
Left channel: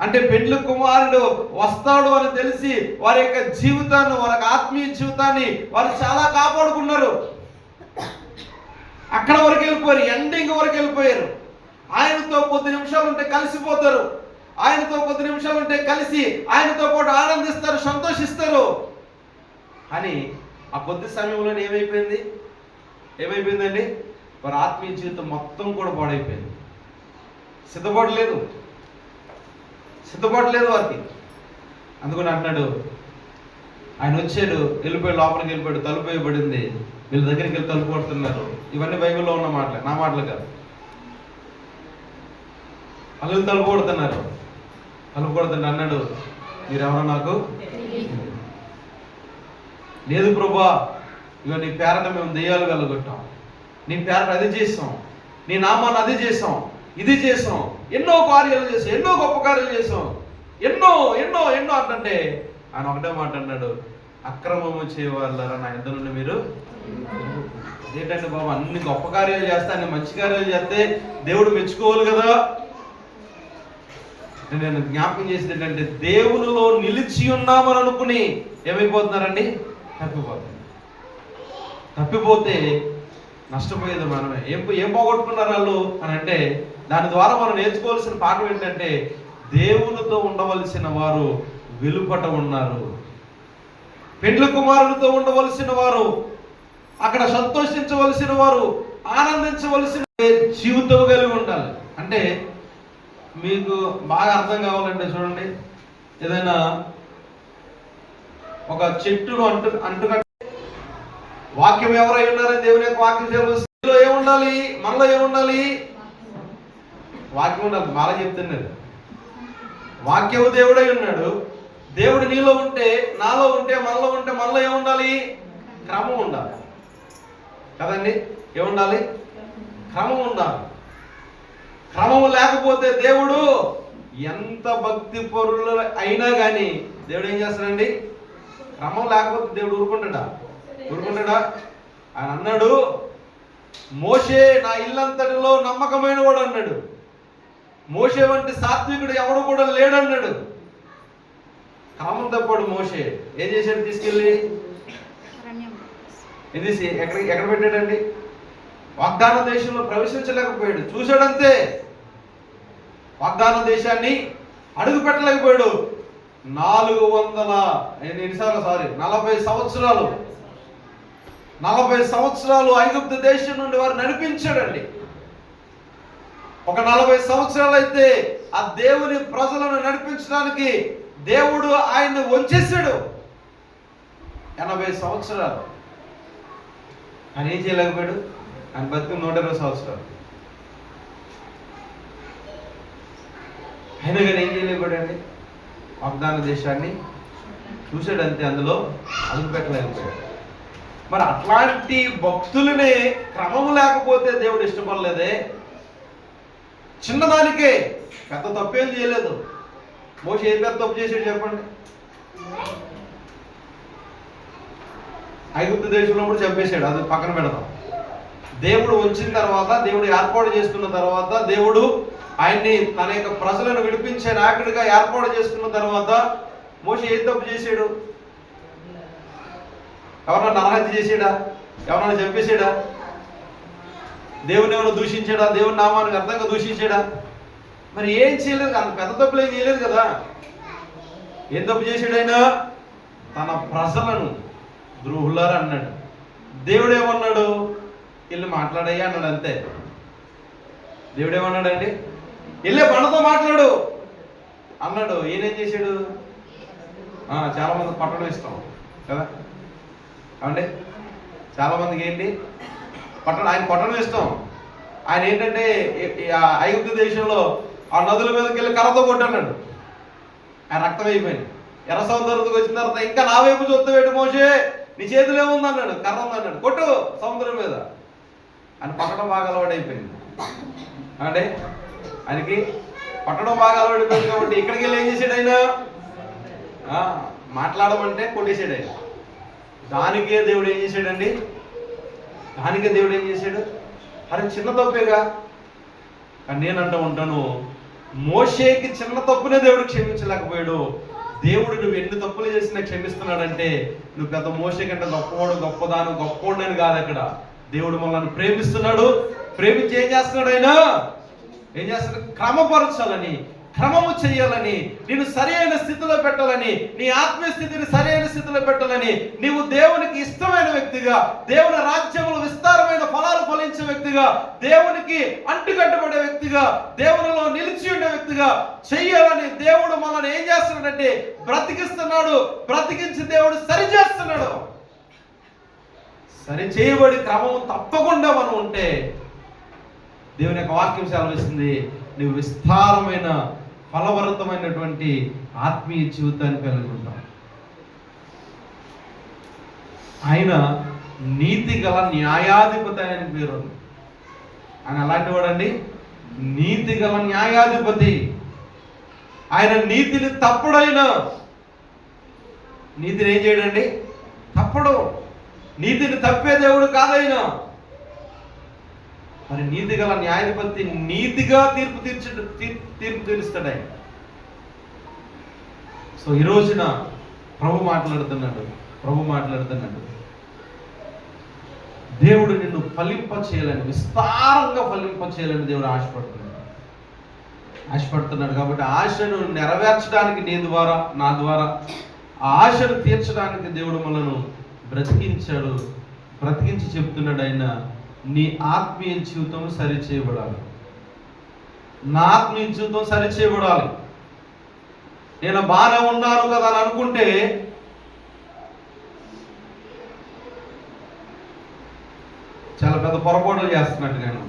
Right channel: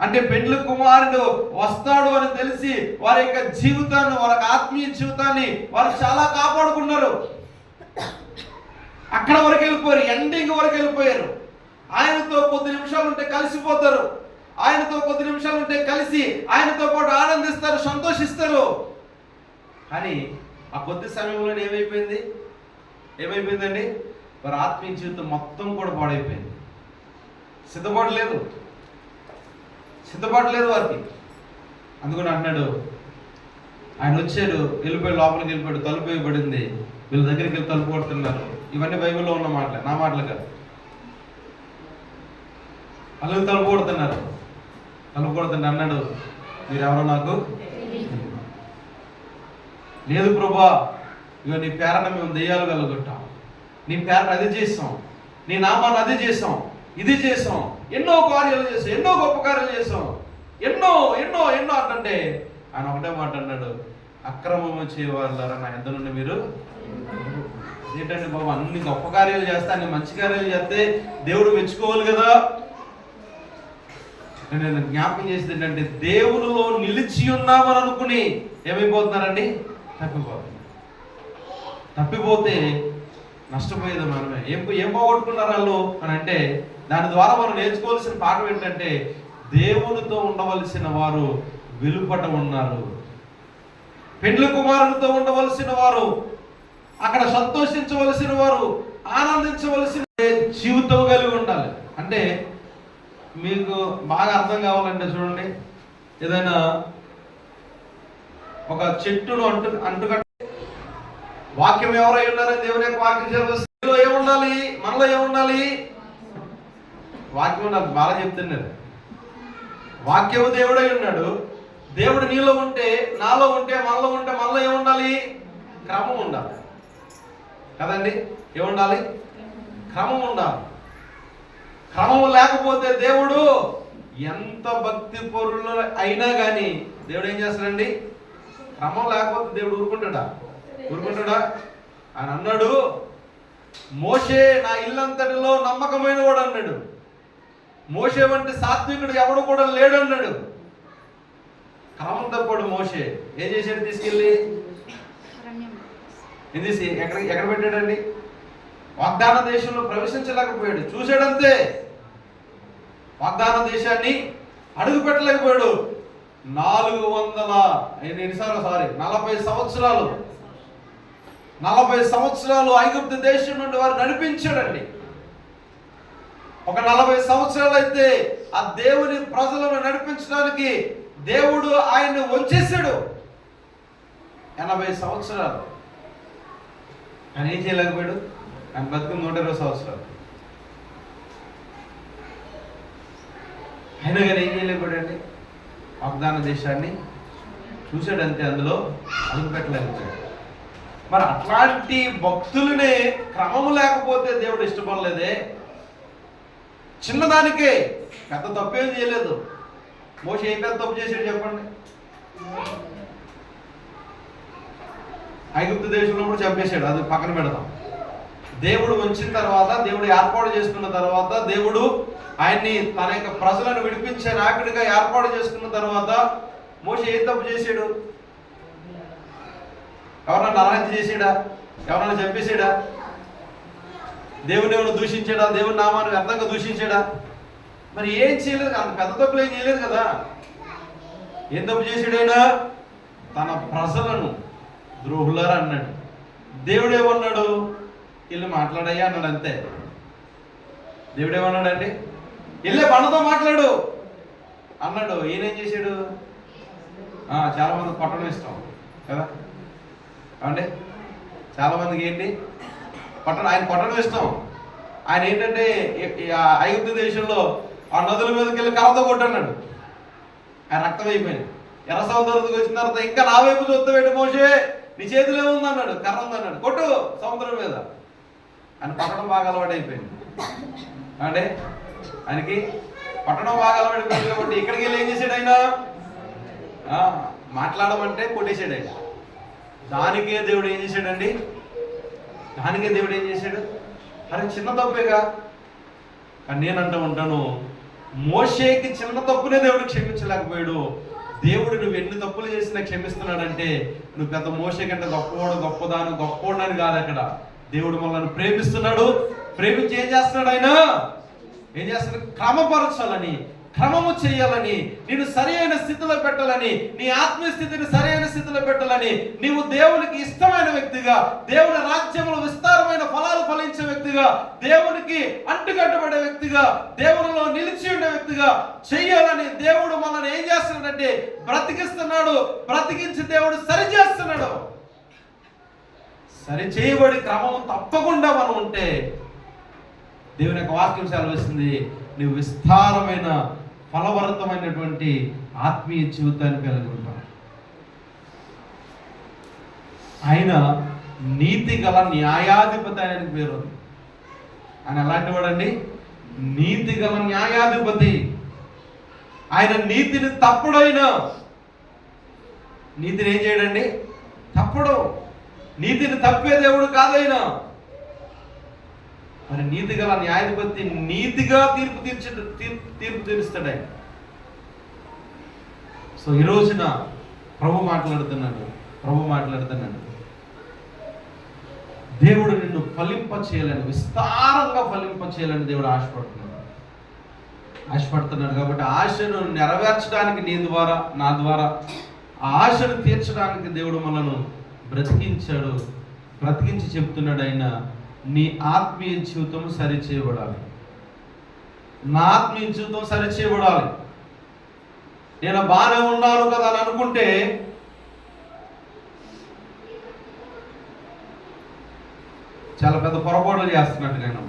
అంటే పెండ్లి కుమారుడు వస్తాడు అని తెలిసి వారి యొక్క జీవితాన్ని, వారి ఆత్మీయ జీవితాన్ని వారు చాలా కాపాడుకున్నారు. అక్కడ వరకు వెళ్ళిపోయారు, ఎండింగ్ వరకు వెళ్ళిపోయారు. ఆయనతో కొద్ది నిమిషాలు ఉంటే కలిసిపోతారు, ఆయనతో కొద్ది నిమిషాలు ఉంటే కలిసి ఆయనతో పాటు ఆనందిస్తారు, సంతోషిస్తారు. కానీ ఆ కొద్ది సమయంలో ఏమైపోయిందండి? వారి ఆత్మీయ జీవితం మొత్తం కూడా పాడైపోయింది. సిద్ధపడలేదు వారికి. అందుకని అంటున్నాడు, ఆయన వచ్చాడు, వెళ్ళిపోయి లోపలికి వెళ్ళిపోయాడు, తలుపు వేయబడింది, వీళ్ళ దగ్గరికి వెళ్ళి తలుపు కొడుతున్నారు. ఇవన్నీ బైబిల్లో ఉన్న మాటలే, నా మాటలు కాదు. వాళ్ళు తలుపు కొడుతున్నారు. అన్నాడు, మీరెవరో నాకు లేదు ప్రభా, ఇక నీ పేరట మేము దెయ్యాలు వెళ్ళగొట్టాం, నీ పేరట అది చేసాం, నీ నామాన్ని అది చేసాం, ఇది చేసాం, ఎన్నో కార్యాలు చేసాం, ఎన్నో గొప్ప కార్యాలు చేసాం, ఎన్నో ఎన్నో ఎన్నో అంటే ఆయన ఒకటే మాట అన్నాడు, అక్రమము చేయవాళ్ళారా నా ఎంత నుండి మీరు. ఏంటంటే బాబు, అన్ని గొప్ప కార్యాలు చేస్తే, అన్ని మంచి కార్యాలు చేస్తే దేవుడు మెచ్చుకోవాలి కదా. నేను జ్ఞాపకం చేసేది ఏంటంటే, దేవునిలో నిలిచి ఉన్నామని అనుకుని ఏమైపోతున్నారండి? తప్పిపోతే నష్టపోయేది మనమే. ఏం పోగొట్టుకున్నారు వాళ్ళు అని అంటే, దాని ద్వారా మనం నేర్చుకోవాల్సిన పాఠం ఏంటంటే, దేవునితో ఉండవలసిన వారు వెలుపట ఉన్నారు, పెండ్లి కుమారునితో ఉండవలసిన వారు అక్కడ సంతోషించవలసిన వారు, ఆనందించవలసిన జీవితం కలిగి ఉండాలి. అంటే మీకు బాగా అర్థం కావాలంటే చూడండి, ఏదైనా ఒక చెట్టును అంటుకట్ట, వాక్యం ఎవరై ఉన్నారని దేవుని యొక్క వాక్యం సెలవులో ఏముండాలి? మనలో ఏముండాలి? వాక్యం ఉండాలి. బాగా చెప్తున్నది, వాక్యము దేవుడై ఉన్నాడు. దేవుడు నీలో ఉంటే, నాలో ఉంటే, మనలో ఉంటే, మనలో ఏముండాలి? క్రమం ఉండాలి కదండి. ఏముండాలి? క్రమం ఉండాలి. క్రమం లేకపోతే దేవుడు ఎంత భక్తి పరులు అయినా కానీ దేవుడు ఏం చేస్తాడండి? క్రమం లేకపోతే దేవుడు ఊరుకుంటాడా? ఆయన అన్నాడు, మోషే నా ఇల్లంతటిలో నమ్మకమైన వాడు అన్నాడు. మోషే వంటి సాత్వికుడు ఎవడు కూడా లేడన్నాడు. క్రమం తప్పాడు మోషే. ఏం చేశాడు? తీసుకెళ్ళి ఎక్కడ పెట్టాడండి? వాగ్దాన దేశంలో ప్రవేశించలేకపోయాడు. చూశాడంతే, వాగ్దాన దేశాన్ని అడుగు పెట్టలేకపోయాడు. 40 సంవత్సరాలు 40 సంవత్సరాలు ఐగుప్తు దేశం నుండి వారు నడిపించాడండి. ఒక 40 సంవత్సరాలు అయితే ఆ దేవుని ప్రజలను నడిపించడానికి దేవుడు ఆయన్ని వంచేశాడు. 80 సంవత్సరాలు ఆయన ఏం చేయలేకపోయాడు. ఆయన బతికి 120 సంవత్సరాలు అయినా కానీ ఏం చేయలేకపోయాడండి. వాగ్దాన దేశాన్ని చూశాడంతే, అందులో అడుగు పెట్టలేకపోయాడు. మరి అట్లాంటి భక్తులనే క్రమము లేకపోతే దేవుడు ఇష్టపడలేదే. చిన్నదానికే పెద్ద తప్పేం చేయలేదు. మోషే ఏ పెద్ద తప్పు చేసాడు చెప్పండి? ఐగుప్తు దేశంలో కూడా చంపేశాడు, అది పక్కన పెడతాం. దేవుడు వచ్చిన తర్వాత, దేవుడు ఏర్పాటు చేసుకున్న తర్వాత, దేవుడు ఆయన్ని తన యొక్క ప్రజలను విడిపించే నాయకుడిగా ఏర్పాటు చేసుకున్న తర్వాత మోషే ఏ తప్పు చేశాడు? ఎవరన్నా నరహత్య చేసాడా? ఎవరన్నా చంపేశాడా? దేవుని ఏమైనా దూషించాడా? దేవుని నామాన్ని వ్యర్థంగా దూషించాడా? మరి ఏం చేయలేదు. అంత పెద్ద తప్పులు ఏం చేయలేదు కదా. ఏం తప్పు చేశాడు ఆయన? తన ప్రజలను ద్రోహులారు అన్నాడు. దేవుడు ఏమన్నాడు? వెళ్ళి మాట్లాడయ్యా అన్నాడు, అంతే. దేవుడు ఏమన్నాడండి? వెళ్ళే బండతో మాట్లాడు అన్నాడు. ఈయనేం చేశాడు? చాలా మంది కొట్టడం ఇష్టం కదా అంటే, చాలా మందికి ఏంటి ఆయన కొట్టడం ఇష్టం. ఆయన ఏంటంటే ఐగుప్తు దేశంలో ఆ నదుల మీదకి వెళ్ళి కర్రతో కొట్టన్నాడు. ఆయన రక్తం అయిపోయింది. ఎర్ర సముద్రంకి వచ్చిన తర్వాత ఇంకా నా వైపు చూస్తావేడు మోషే, నీ చేతులు ఏముంది అన్నాడు. కర్ర ఉంది అన్నాడు. కొట్టు సముద్రం మీద. ఆయన కొట్టడం బాగా అలవాటు అయిపోయింది అంటే, ఆయనకి కొట్టడం బాగా అలవాటు కాబట్టి ఇక్కడికి వెళ్ళి ఏం చేశాడు ఆయన? మాట్లాడమంటే కొట్టేశాడు ఆయన. దానికే దేవుడు ఏం చేశాడండి? అరే చిన్న తప్పేగా. కానీ నేనంటూ ఉంటాను, మోషేకి చిన్న తప్పునే దేవుడు క్షమించలేకపోయాడు. దేవుడు నువ్వు ఎన్ని తప్పులు చేసినా క్షమిస్తున్నాడంటే నువ్వు పెద్ద మోషే కంటే గొప్పవాడని కాదు. అక్కడ దేవుడు మనల్ని ప్రేమిస్తున్నాడు. ప్రేమించి ఏం చేస్తున్నాడు ఆయన? క్రమపరచాలని, క్రమము చేయాలని, నేను సరి అయిన స్థితిలో పెట్టాలని, నీ ఆత్మీయ స్థితిని సరి అయిన స్థితిలో పెట్టాలని, నీవు దేవునికి ఇష్టమైన వ్యక్తిగా, దేవుని రాజ్యంలో విస్తారమైన ఫలాలు ఫలించే వ్యక్తిగా, దేవునికి అంటుకట్టబడే వ్యక్తిగా, దేవునిలో నిలిచి ఉండే వ్యక్తిగా చెయ్యాలని దేవుడు మనల్ని ఏం చేస్తున్నాడంటే బ్రతికిస్తున్నాడు. బ్రతికించి దేవుడు సరి చేస్తున్నాడు. సరి చేయబడి క్రమం తప్పకుండా మనం ఉంటే దేవుని యొక్క వాక్యం సెలవిస్తుంది, నువ్వు విస్తారమైన ఫలభరితమైనటువంటి ఆత్మీయ జీవితాన్ని కలిగి ఉంటావు. ఆయన నీతి గల న్యాయాధిపతి ఆయన పేరు. ఆయన ఎలాంటి వాడండి? నీతి గల న్యాయాధిపతి. ఆయన నీతిని తప్పుడైన, నీతిని ఏం చేయడండి? తప్పుడు. నీతిని తప్పే దేవుడు కాదైనా. మరి నీతి గల న్యాయాధిపతి నీతిగా తీర్పు తీరుస్తాడు ఆయన. సో ఈ రోజున ప్రభు మాట్లాడుతున్నాడు. దేవుడు నిన్ను ఫలింప చేయాలని, విస్తారంగా ఫలింప చేయాలని దేవుడు ఆశపడుతున్నాడు. కాబట్టి ఆశను నెరవేర్చడానికి నీ ద్వారా, నా ద్వారా ఆ ఆశను తీర్చడానికి దేవుడు మనను బ్రతికించాడు. బ్రతికించి చెప్తున్నాడు ఆయన, నీ ఆత్మీయ జీవితం సరిచేయబడాలి. నా ఆత్మీయ జీవితం సరిచేయబడాలి. నేను బాగానే ఉన్నాను కదా అని అనుకుంటే చాలా పెద్ద పొరపాటు చేస్తున్నట్టు నేను.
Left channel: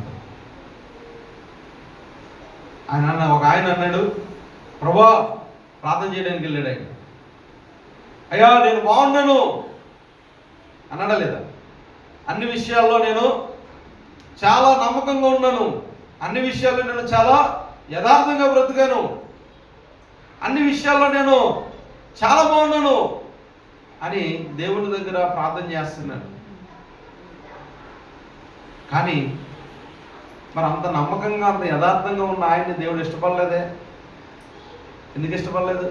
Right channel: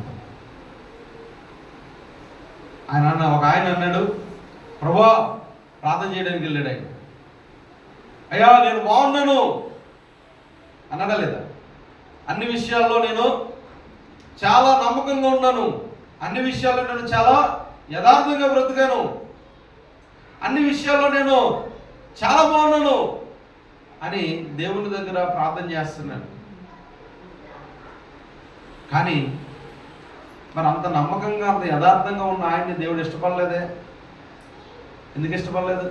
ఒక ఆయన అన్నాడు, ప్రభా ప్రార్థన చేయడానికి వెళ్ళాడు ఆయన. అయ్యా నేను బాగున్నాను అన్నాడా లేదా? అన్ని విషయాల్లో నేను చాలా నమ్మకంగా ఉన్నాను, అన్ని విషయాల్లో నేను చాలా యథార్థంగా బ్రతికాను, అన్ని విషయాల్లో నేను చాలా బాగున్నాను అని దేవుని దగ్గర ప్రార్థన చేస్తున్నాడు. కానీ మరి అంత నమ్మకంగా, అంత యథార్థంగా ఉన్న ఆయన్ని దేవుడు ఇష్టపడలేదే. ఎందుకు ఇష్టపడలేదు?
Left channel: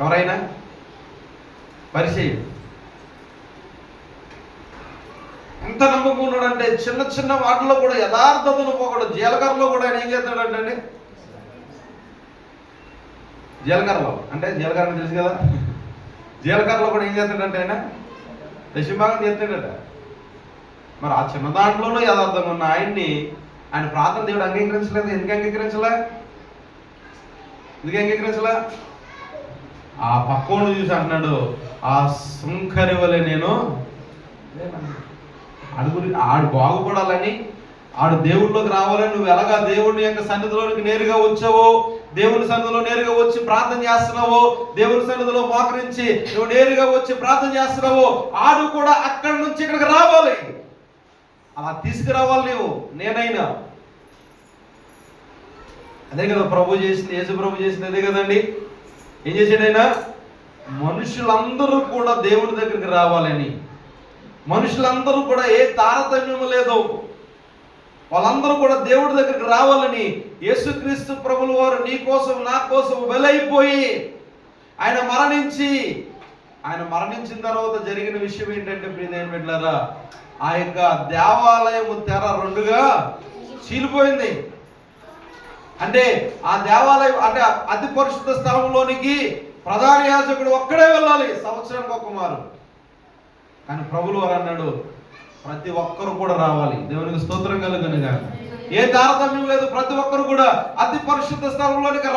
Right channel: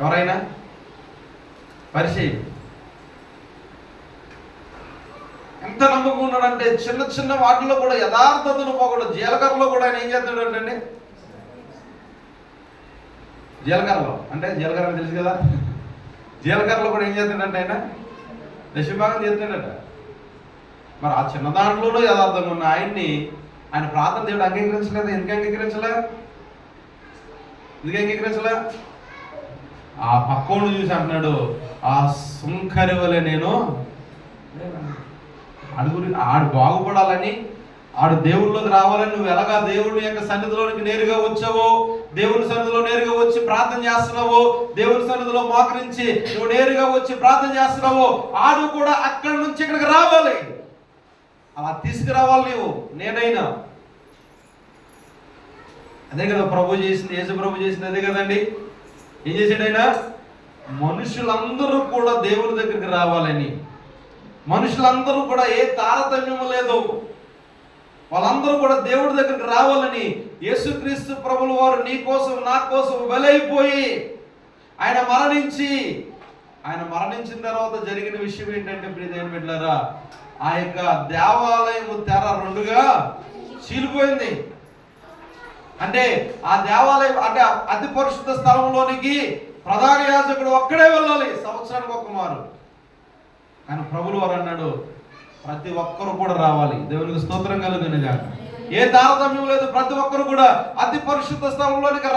ఎవరైనా పరిచయం ఎంత నమ్మకం ఉన్నాడంటే చిన్న చిన్న వాటిలో కూడా యథార్థతను పోకూడదు. జీలకర్రలో కూడా ఆయన ఏం చేస్తాడంటే జీలకర్రలో అంటే జీలకర్ర తెలుసు కదా, జీలకర్రలో కూడా ఏం చేస్తాడంటే ఆయన దశభాగం చేస్తాడట. మరి ఆ చిన్న దాంట్లోనూ యథార్థంగా ఉన్న ఆయన ప్రార్థన దేవుడు అంగీకరించలేదు. ఎందుకు అంగీకరించలే? ఆ పక్కోడు చూసి అంటున్నాడు, ఆ సుంకరి వలె నేను ఆడు బాగుపడాలని, ఆడు దేవుళ్ళలోకి రావాలని నువ్వు ఎలాగా దేవుని యొక్క సన్నిధిలోనికి నేరుగా వచ్చావో, దేవుని సన్నిధిలో నేరుగా వచ్చి ప్రార్థన చేస్తున్నావో, దేవుని సన్నిధిలో మోకరించి నువ్వు నేరుగా వచ్చి ప్రార్థన చేస్తున్నావో, ఆడు కూడా అక్కడి నుంచి ఇక్కడికి రావాలి. అలా తీసుకురావాలి నువ్వు. నేనైనా అదే కదా ప్రభు చేసింది, యేసు ప్రభు చేసింది అదే కదండి. ఏం చేశాడు ఆయన? మనుషులందరూ కూడా దేవుని దగ్గరికి రావాలని, మనుషులందరూ కూడా ఏ తారతమ్యము లేదు, వాళ్ళందరూ కూడా దేవుడి దగ్గరికి రావాలని యేసుక్రీస్తు ప్రభుల వారు నీ కోసం నా కోసం వెలైపోయి ఆయన మరణించిన తర్వాత జరిగిన విషయం ఏంటంటే ప్రియమైన బిడ్డలారా, ఆ యొక్క దేవాలయము తెర రెండుగా చీలిపోయింది. అంటే ఆ దేవాలయం అంటే అతి పరిశుద్ధ స్థలంలోనికి ప్రధాన యాజకుడు ఒక్కడే వెళ్ళాలి సంవత్సరానికి ఒక్క మారు. కానీ ప్రభులు వారు అన్నాడు, ప్రతి ఒక్కరు కూడా రావాలి. దేవునికి స్తోత్రం కలుగునుగా. ఏ తారతమ్యం లేదు, ప్రతి ఒక్కరు కూడా అతి పరిశుద్ధ స్థలంలోనికి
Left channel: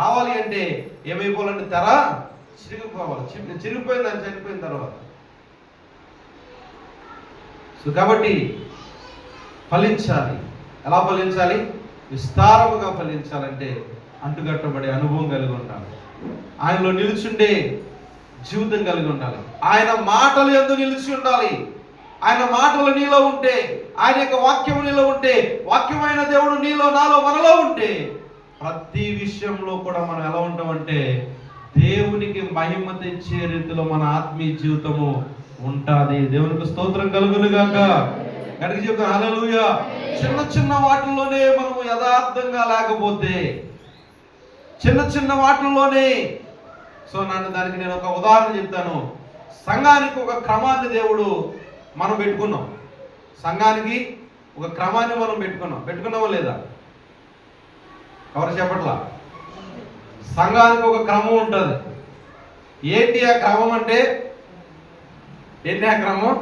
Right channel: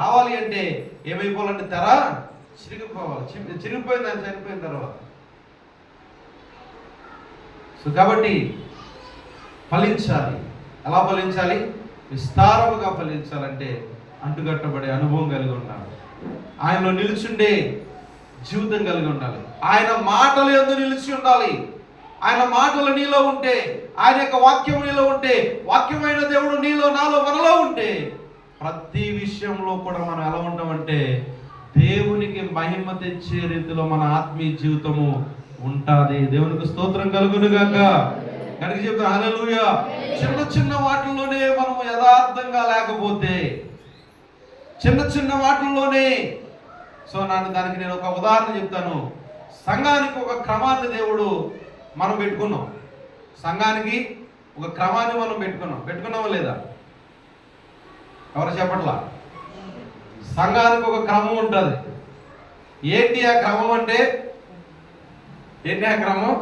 రావాలి అంటే ఏమైపోవాలంటే తెర చిరిగిపోవాలి. చిరిగిపోయింది ఆయన చనిపోయిన తర్వాత. సో కాబట్టి ఫలించాలి. ఎలా ఫలించాలి? విస్తారముగా ఫలించాలంటే అంటుకట్టబడే అనుభవం కలిగి ఉండాలి, ఆయనలో నిలుచుండే జీవితం కలిగి ఉండాలి, ఆయన మాటలు యందు నిలిచి ఉండాలి. ఆయన మాటలు నీలో ఉంటే, ఆయన యొక్క వాక్యం నీలో ఉంటే, వాక్యమైన దేవుడు నీలో నాలో మనలో ఉంటే ప్రతి విషయంలో కూడా మనం ఎలా ఉంటామంటే దేవునికి మహిమ తెచ్చే రీతిలో మన ఆత్మీయ జీవితము ఉంటుంది. దేవునికి స్తోత్రం కలుగునుగాక. కనుక చెప్తా హల్లెలూయా. చిన్న వాటిల్లోనే మనము యథార్థంగా లేకపోతే, చిన్న వాటిల్లోనే దానికి నేను ఒక ఉదాహరణ చెప్తాను. సంఘానికి ఒక క్రమాన్ని దేవుడు మనం పెట్టుకున్నాం. సంఘానికి ఒక క్రమాన్ని మనం పెట్టుకున్నామా లేదా? ఎవరు చెప్పట్లా? సంఘానికి ఒక క్రమం ఉంటుంది. ఏంటి ఆ క్రమం అంటే? ఏంటి ఆ క్రమం?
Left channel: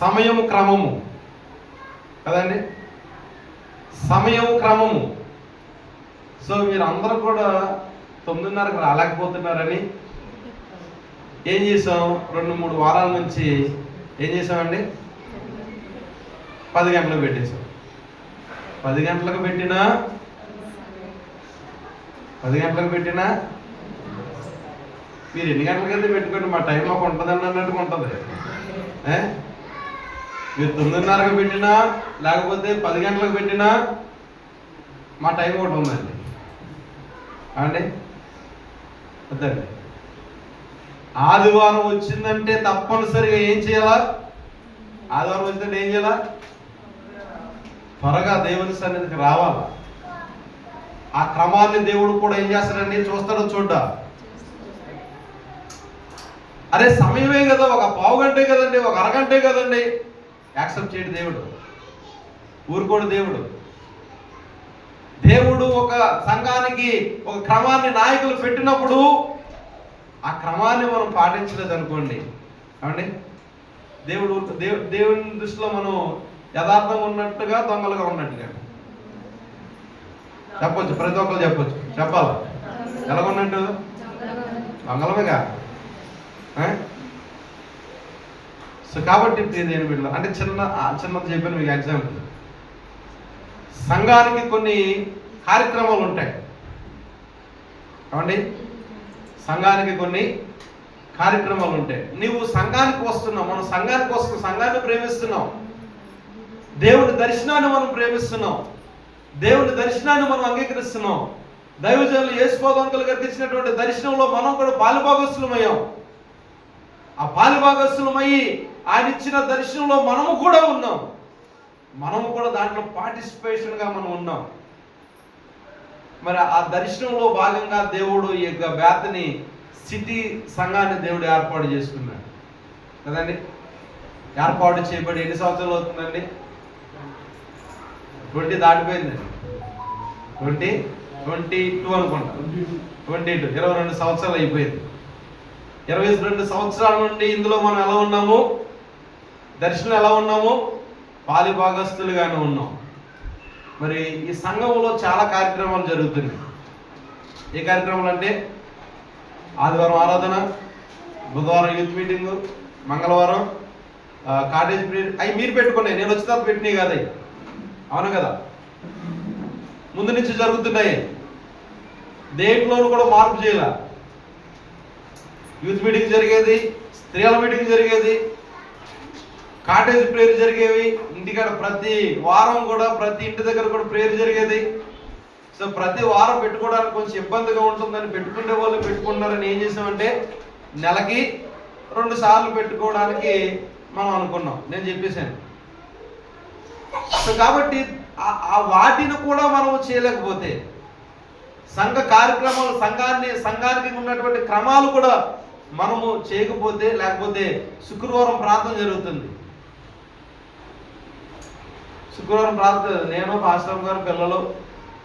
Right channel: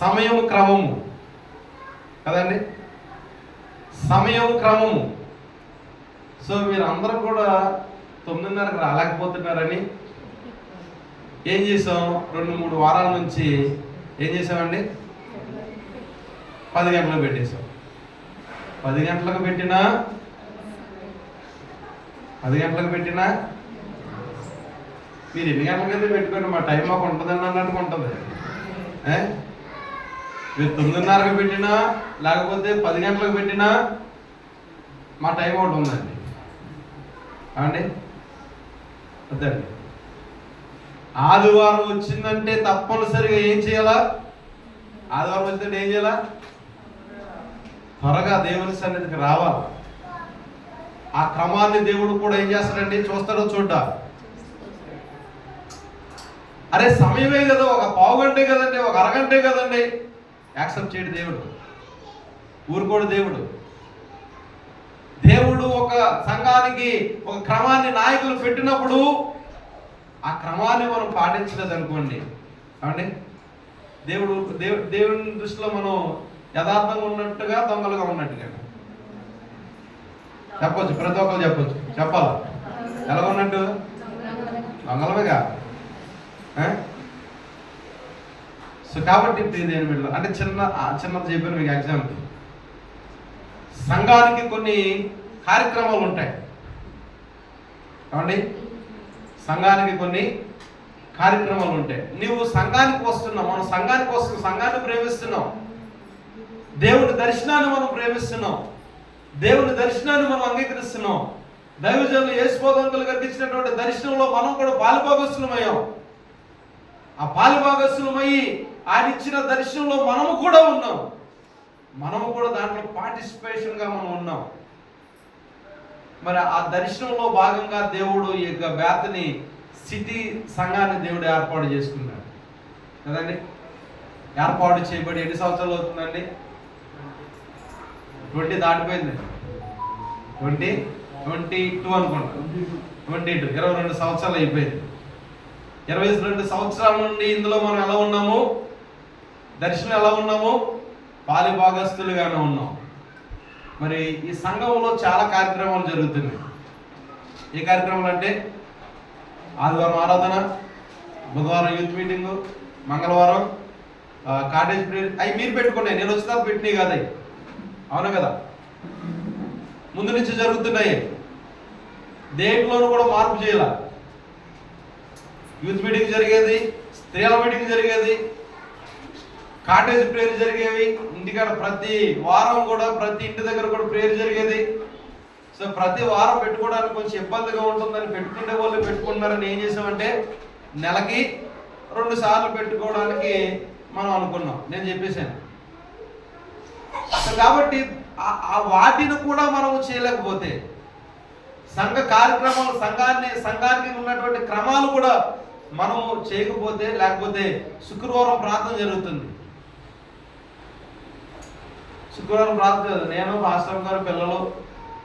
సమయం క్రమము కదండి, సమయం క్రమము. సో మీరు అందరూ కూడా 9:30కి రాలేకపోతున్నారని ఏం చేసాం? 2-3 వారాల నుంచి ఏం చేసామండి? 10 గంటలకు పెట్టేసాం. 10 గంటలకు పెట్టినా మీరు ఎన్ని గంటలకైతే పెట్టుకోండి, మా టైం మాకు ఉంటుంది అన్నట్టుగా ఉంటుంది. మీరు 9:30కి పెట్టినా లేకపోతే 10 గంటలకు పెట్టినా మా టైం ఒకటి ఉందండి. అండి వద్దండి. ఆదివారం వచ్చిందంటే తప్పనిసరిగా ఏం చేయాలా? ఆదివారం వచ్చిందంటే ఏం చేయాలా? త్వరగా దేవుని సన్నిధికి రావాలా. ఆ క్రమాన్ని దేవుడు కూడా ఏం చేస్తాడండి? చూస్తాడో చూడ్డా. అరే సమయమే కదా, ఒక పావు గంటే కదండి, ఒక అరగంటే కదండి, యాక్సెప్ట్ చేయడు దేవుడు. ఊరుకోడు దేవుడు. దేవుడు ఒక సంఘానికి ఒక క్రమాన్ని నాయకులు పెట్టినప్పుడు ఆ క్రమాన్ని మనం పాటించలేదు అనుకోండి, ఏమండి దేవుని దృష్టిలో మనం యథార్థంగా ఉన్నట్టుగా దొంగలుగా ఉన్నట్టుగా చెప్పొచ్చు. ప్రతి ఒక్కరు చెప్పాలి. ఎలాగున్నట్టు? దొంగలమేగా. సో కాబట్టి నేను వీళ్ళు అంటే చిన్నది చెప్పాను మీకు ఎగ్జాంపుల్. సంఘానికి కొన్ని కార్యక్రమాలు ఉంటాయి ఏమండి, సంఘానికి కొన్ని కార్యక్రమాలు ఉంటాయి. నువ్వు సంఘానికి వస్తున్నావు, మనం సంఘానికి వస్తున్నాం, సంఘాన్ని ప్రేమిస్తున్నాం, దేవుని దర్శనాన్ని మనం ప్రేమిస్తున్నాం, దేవుని దర్శనాన్ని మనం అంగీకరిస్తున్నాం. దైవజనులు యేసుబోధకులు గారికి ఇచ్చినటువంటి దర్శనంలో మనం కూడా పాలుభాగస్తులమయ్యాం. ఆ పాలుభాగస్తులమయ్యి ఆయన ఇచ్చిన దర్శనంలో మనము కూడా ఉన్నాం. మనము కూడా దాంట్లో పార్టిసిపేషన్గా మనం ఉన్నాం. మరి ఆ దర్శనంలో భాగంగా దేవుడు ఈ యొక్క బేతని సిటీ సంఘాన్ని దేవుడు ఏర్పాటు చేసుకున్నాడు కదండి. ఏర్పాటు చేయబడి ఎన్ని సంవత్సరాలు అవుతుందండి? 20 దాటిపోయిందండి. 20 22 అనుకుంటా, 22, 22 సంవత్సరాలు అయిపోయింది. 22 సంవత్సరాల నుండి ఇందులో మనం ఎలా ఉన్నాము, దర్శనం ఎలా ఉన్నాము, పాలి భాగస్తులుగానే ఉన్నాం. మరి ఈ సంఘంలో చాలా కార్యక్రమాలు జరుగుతున్నాయి. ఏ కార్యక్రమాలు అంటే ఆదివారం ఆరాధన, బుధవారం యూత్ మీటింగు, మంగళవారం కాటేజ్ ప్రేయర్. అవి మీరు పెట్టుకున్నాయి, నేను వచ్చిన తర్వాత పెట్టినాయి కదా, అవును కదా, ముందు నుంచి జరుగుతున్నాయి. దేంట్లోనూ కూడా మార్పు చేయాల. యూత్ మీటింగ్ జరిగేది, స్త్రీల మీటింగ్ జరిగేది, కాటేజ్ ప్రేయర్ జరిగేవి, ఇంటికాడ ప్రతి వారం కూడా ప్రతి ఇంటి దగ్గర కూడా ప్రేయర్ జరిగేది. సో ప్రతి వారం పెట్టుకోవడానికి కొంచెం ఇబ్బందిగా ఉంటుందని పెట్టుకునే వాళ్ళు పెట్టుకుంటున్నారని ఏం చేసామంటే నెలకి 2 సార్లు పెట్టుకోవడానికి మనం అనుకున్నాం. నేను చెప్పేశాను. సో కాబట్టి ఆ వాటిని కూడా మనం చేయలేకపోతే, సంఘ కార్యక్రమాలు, సంఘానికి ఉన్నటువంటి క్రమాలు కూడా మనము చేయకపోతే, లేకపోతే శుక్రవారం ప్రార్థన జరుగుతుంది. శుక్రవారం ప్రార్థన, నేను పాస్టర్ గారు పిల్లలు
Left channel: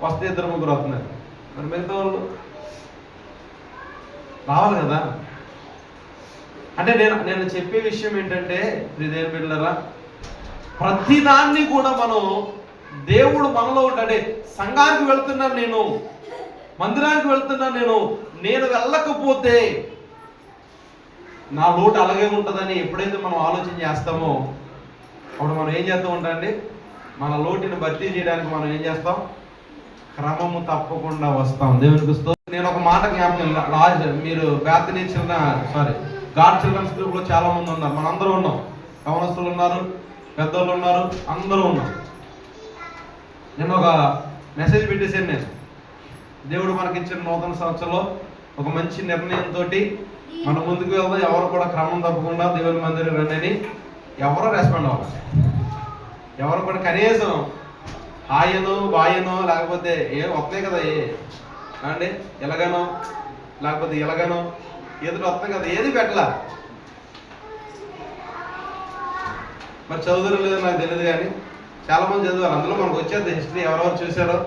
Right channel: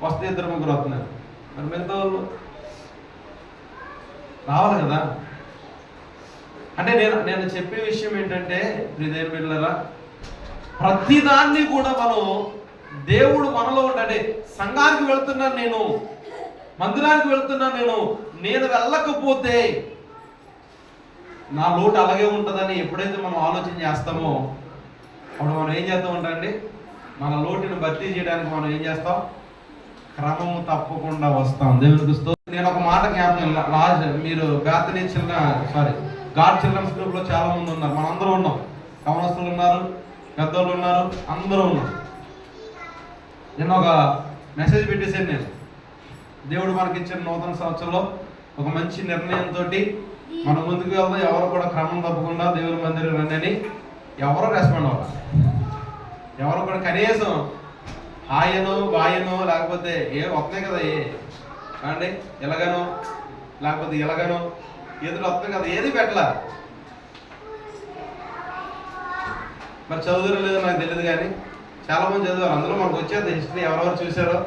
వస్తే 2-3 వస్తున్నారు. మరి మిగతా వాళ్ళు రావాలి కదా. అంటే నేను చెప్పే విషయం ఏంటంటే ప్రియదేవ బిడ్డలారా, ప్రతిదాన్ని కూడా మనం దేవుడు మనలో ఉంటాడే. సంఘానికి వెళ్తున్నాను నేను, మందిరానికి వెళ్తున్నాను నేను వెళ్ళకపోతే నా లోటు అలాగే ఉంటుందని ఎప్పుడైతే మనం ఆలోచన చేస్తామో అప్పుడు మనం ఏం చేస్తూ ఉంటామండి, మన లోటుని భర్తీ చేయడానికి మనం ఏం చేస్తాం, క్రమము తప్పకుండా వస్తాం. దేవునికి స్తోత్రం. నేను ఒక మాట జ్ఞాపకం, మీరు బేతనీ గాడ్ చిల్డ్రన్స్ గ్రూప్లో చాలా మంది ఉన్నారు, మనందరూ ఉన్నాం, కవనస్తులు ఉన్నారు, పెద్దోళ్ళు ఉన్నారు, అందరూ ఉన్నాం. నేను ఒక మెసేజ్ పెట్టేసాను. నేను దేవుడు మనకిచ్చిన నూతన సంవత్సరంలో ఒక మంచి నిర్ణయంతో మనం ముందుకు వెళ్దాం, ఎవరు కూడా క్రమం తప్పకుండా దేవుని మందిరం రండి అని ఎవరో రెస్పాండ్ అవ్వాలి. ఎవరు కూడా కనీసం హాయనో బాయనో లేకపోతే వస్తాయి కదా, అండి ఎలాగనో లేకపోతే ఎలాగనో ఏదో వస్తాయి కదా, ఏది పెట్టలా. మరి చదువులు లేదో నాకు తెలియదు, కానీ చాలా మంది చదివారు. అందులో మనకు వచ్చేది హిస్టరీ ఎవరెవరు చూశారో.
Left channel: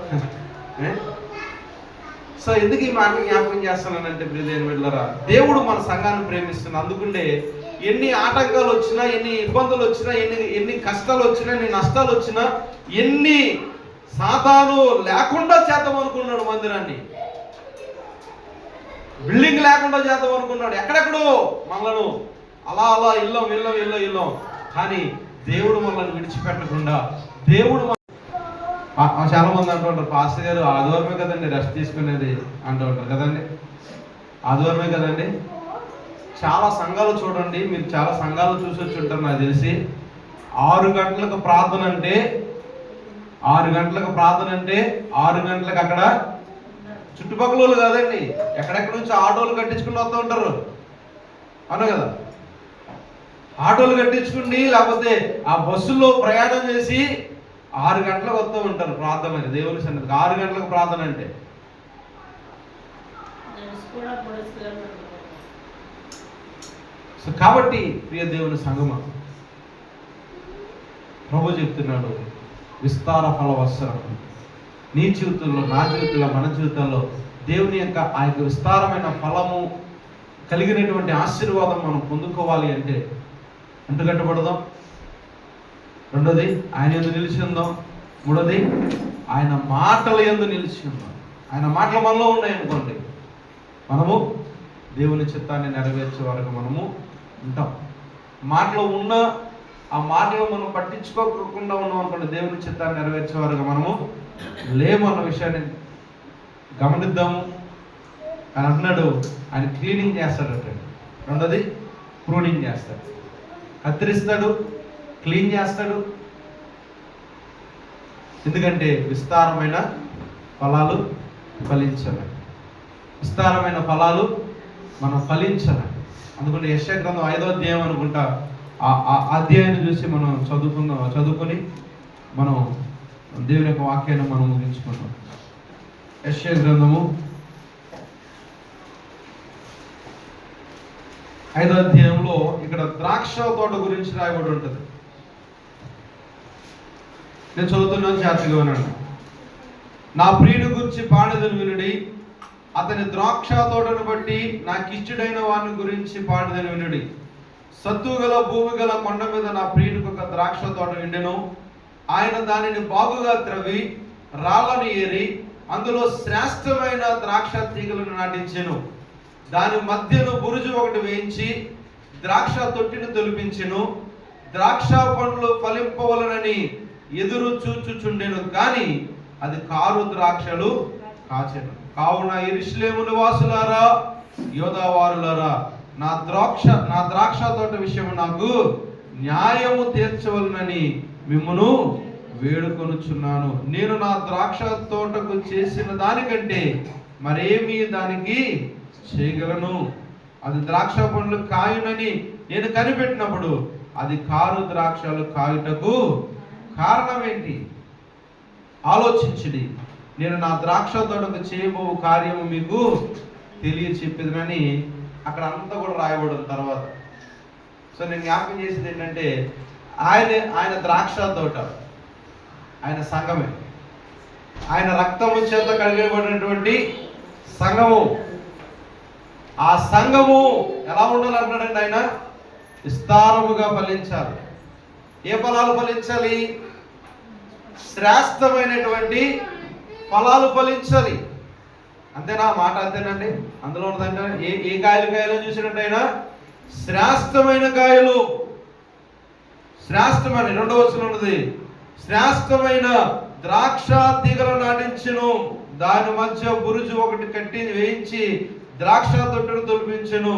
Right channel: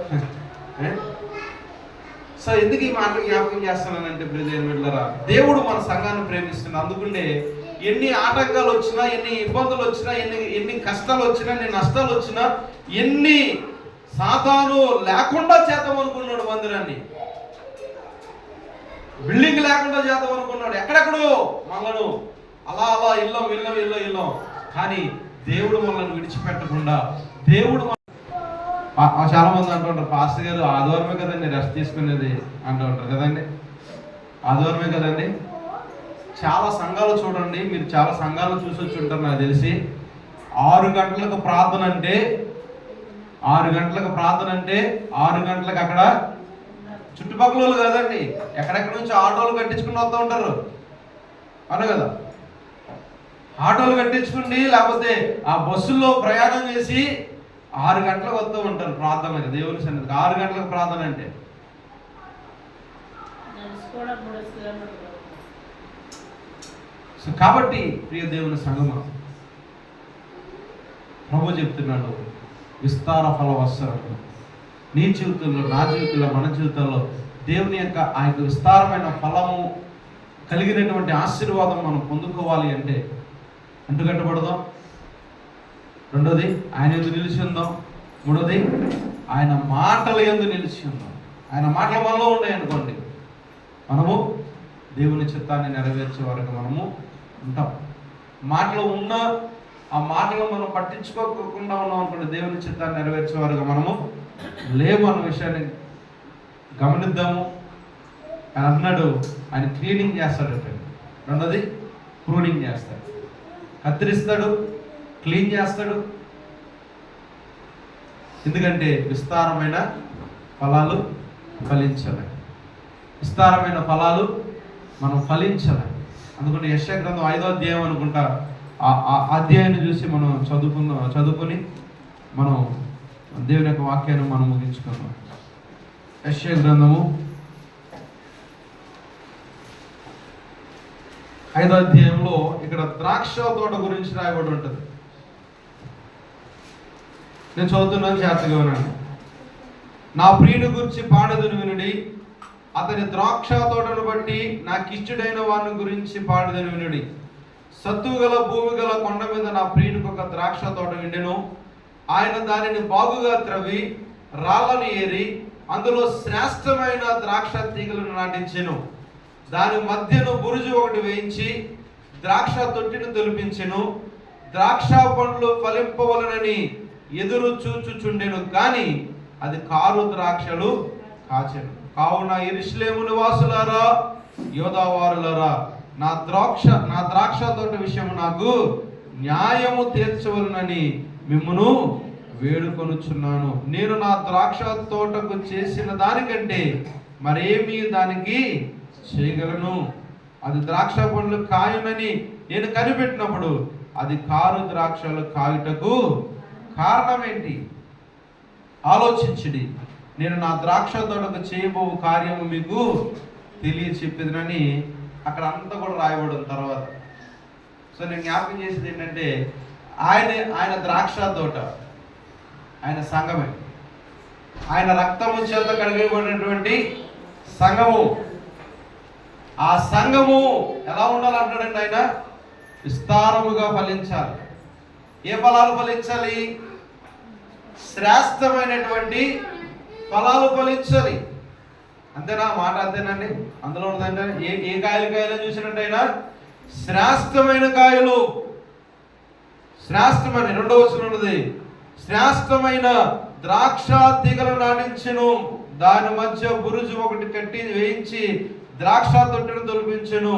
సో ఎందుకు ఈ మాట జ్ఞాపకం చేస్తున్నానంటే ప్రియదేవుని బిడ్డలారా, దేవుడు మన సంఘాన్ని ప్రేమిస్తున్నాడు. అందుకుంటే ఎన్ని ఆటంకాలు వచ్చినా, ఎన్ని ఇబ్బందులు వచ్చినా, ఎన్ని కష్టాలు వచ్చినా, ఎన్ని నష్టాలు వచ్చినా, ఎన్ని సాతాను లేకుండా చేద్దాం అనుకున్నాడు మందిరాన్ని, బిల్డింగ్ లేకుండా చేద్దాం అనుకున్నాడు, ఎక్కడెక్కడో మనలను అలా ఇల్లం. కానీ దేవుడు మనల్ని విడిచిపెట్టకుండా, దేవుడు చాలా మంది అంటూ ఉంటారు, పాస్టర్ గారు ఆదివారమే కదండి రెస్ట్ తీసుకునేది అంటూ ఉంటారు కదండి, ఆదివారమే కదండి. చాలా సంఘాలు చూడండి, మీరు చాలా సంఘాలు చూసి వచ్చి ఉంటారు నాకు తెలిసి. 6 గంటలకు ప్రార్థన అంటే 6 గంటలకు అక్కడ చుట్టుపక్కల వాళ్ళు కాదండి, ఎక్కడెక్కడ నుంచి ఆటోలు కట్టించుకుని వస్తూ ఉంటారు, అవును కదా. ఆటోలు కట్టించుకుని లేకపోతే ఆ బస్సుల్లో ప్రయాణం చేసి 6 గంటలకు వస్తూ ఉంటారు ప్రార్థనకి, దేవుని సన్నిధికి. 6 గంటలకు ప్రార్థన అంటే కాబట్టి ప్రియ దేవుని సంగమా, ప్రభు చెప్తున్నాడు, విస్తార ఫలవత్సరం నీ జీవితంలో, నా జీవితంలో, మన జీవితంలో దేవుని యొక్క ఆ యొక్క విస్తారమైన ఫలము కలిగినటువంటి ఆశీర్వాదం మనం పొందుకోవాలి అంటే అంటుకట్టబడదాం. రెండోది ఆయన యందు నిలిచి ఉందాం. మూడోది ఆయన మాటల యందు నిలిచి ఉందాం. ఆయన మాటలు మనలో ఉన్నాయనుకోండి, మనము దేవుని చిత్తాన్ని నెరవేర్చే వరకు మనము ఉంటాం. మాటలు ఉన్నా ఆ మాటలు మనం పట్టించుకోకుండా ఉన్నాం అనుకోండి, దేవుని చిత్తాన్ని నెరవేర్చే వరకు మనము లేము అన్న విషయాన్ని గమనిద్దాము. ఆయన అంటున్నాడు, ఆయన క్లీనింగ్ చేస్తాడట. రెండోది ప్రూనింగ్ చేస్తాడు, కత్తిరిస్తాడు, క్లీన్ చేస్తాడు. ఎందుకంటే విస్తారమైన ఫలాలు ఫలించాలి, విస్తారమైన ఫలాలు మనం ఫలించాలి. అందుకని యెషయా గ్రంథం 5వ అధ్యాయం అనుకుంటా, ఆ అధ్యాయాన్ని చూసి మనం చదువుకొని మనం దేవుని యొక్క వాక్యాన్ని మనం ముగించుకుందాం. యెషయా గ్రంథము 5వ అధ్యాయంలో ఇక్కడ ద్రాక్ష తోట గురించి రాయబడి ఉంటుంది. నేను చదువుతున్నాను, జాగ్రత్తగా వినండి. నా ప్రియుని గురించి పాడేదను వినుడి, అతని ద్రాక్ష తోటను బట్టి నాకిష్టుడైన వాని గురించి పాడేదను వినుడి. సత్తువు గల భూమి గల కొండ మీద నా ప్రియునికి ఒక ద్రాక్ష తోట ఉండెను. ఆయన దానిని బాగుగా త్రవ్వి రాళ్ళను ఏరి అందులో శ్రేష్టమైన ద్రాక్ష తీగలను నాటించెను. దాని మధ్యను బురుజు ఒకటి వేయించి ద్రాక్ష తొట్టిని తొలిపించెను. ద్రాక్ష పండ్లు ఫలింపవలనని ఎదురు చూచుచుండెను, కానీ అది కారు ద్రాక్షలు కాచెను. కావున యెరూషలేము నివాసులారా, యోధావారులారా, నా ద్రాక్ష తోట విషయం నాకు న్యాయము తీర్చవలనని మిమ్మును వేడుకొనుచున్నాను. నేను నా ద్రాక్ష తోటకు చేసిన దానికంటే మరేమీ దానికి చేయగలను. అది ద్రాక్ష పండ్లు కాయునని నేను కనిపెట్టినప్పుడు అది కారు ద్రాక్షలు కాయుటకు కారణం ఏంటి? ఆలోచించుడి. నేను నా ద్రాక్ష తోటకు చేయబో కార్యము మీకు తెలియచెప్పిదనని అక్కడ అంతా కూడా రాయబడిన తర్వాత. సో నేను జ్ఞాపకం చేసేది ఏంటంటే, ఆయన ద్రాక్ష తోట, ఆయన సంఘమే, ఆయన రక్తము చేత కడిగబడినటువంటి సంఘము. ఆ సంఘము ఎలా ఉండాలంటాడండి ఆయన? విస్తారముగా ఫలించాలి. ఏ ఫలాలు ఫలించాలి? శ్రేష్టమైనటువంటి ఫలాలు ఫలించాలి. అంతేనా? మాట అంతేనండి. అందులో ఉన్నదంటే ఏ కాయలు చూసినట్టు ఆయన శ్రేష్టమైన కాయలు, శ్రేష్టమైన, రెండవ వచనం ఉన్నది, శ్రేష్టమైన ద్రాక్ష తీగలు నాటించెను. దాని మధ్య బురుజు ఒకటి కట్టి వేయించి ద్రాక్ష తొట్టెను తొలిపించెను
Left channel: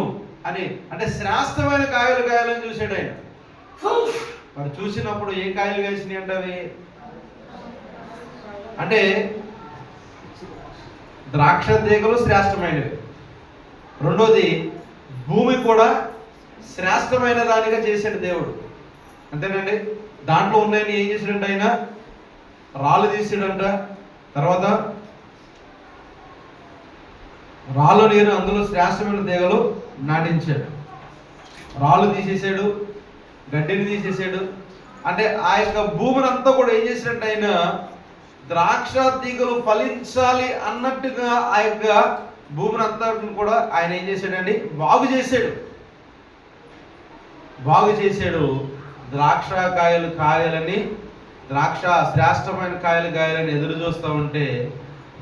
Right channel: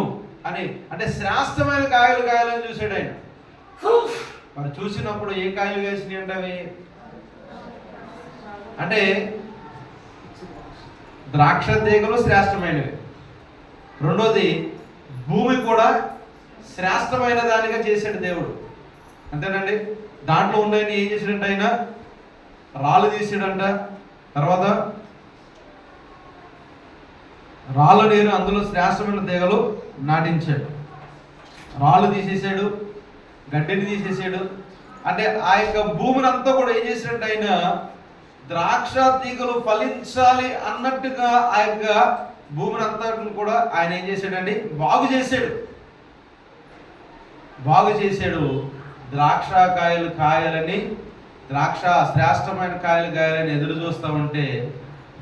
అని. అంటే శ్రేష్టమైన కాయలని చూశాడు ఆయన. వాడు చూసినప్పుడు ఏ కాయలు వేసినాయి అంటే అవి అంటే ద్రాక్ష తీగలు శ్రేష్టమైనవి. రెండోది, భూమి కూడా శ్రేష్టమైన దానిగా చేశాడు దేవుడు. అంతేనండి. దాంట్లో ఉన్నాయని ఏం చేశాడంట ఆయన? రాళ్ళు తీసాడంట. తర్వాత రాళ్ళు నీరు అందులో శ్రేష్టమైన తీగలు నాటించాడు. రాళ్ళు తీసేసాడు, గడ్డిని తీసేసాడు. అంటే ఆ యొక్క భూమిని అంతా కూడా ఏం చేశాడంట ఆయన? ద్రాక్ష తీగలు ఫలించాలి అన్నట్టుగా ఆ యొక్క భూమిని అంతా కూడా ఆయన ఏం చేశాడండి? బాగు చేశాడు. ద్రాక్ష కాయలని, ద్రాక్ష శ్రేష్టమైన కాయలని ఎదురు చూస్తూ ఉంటే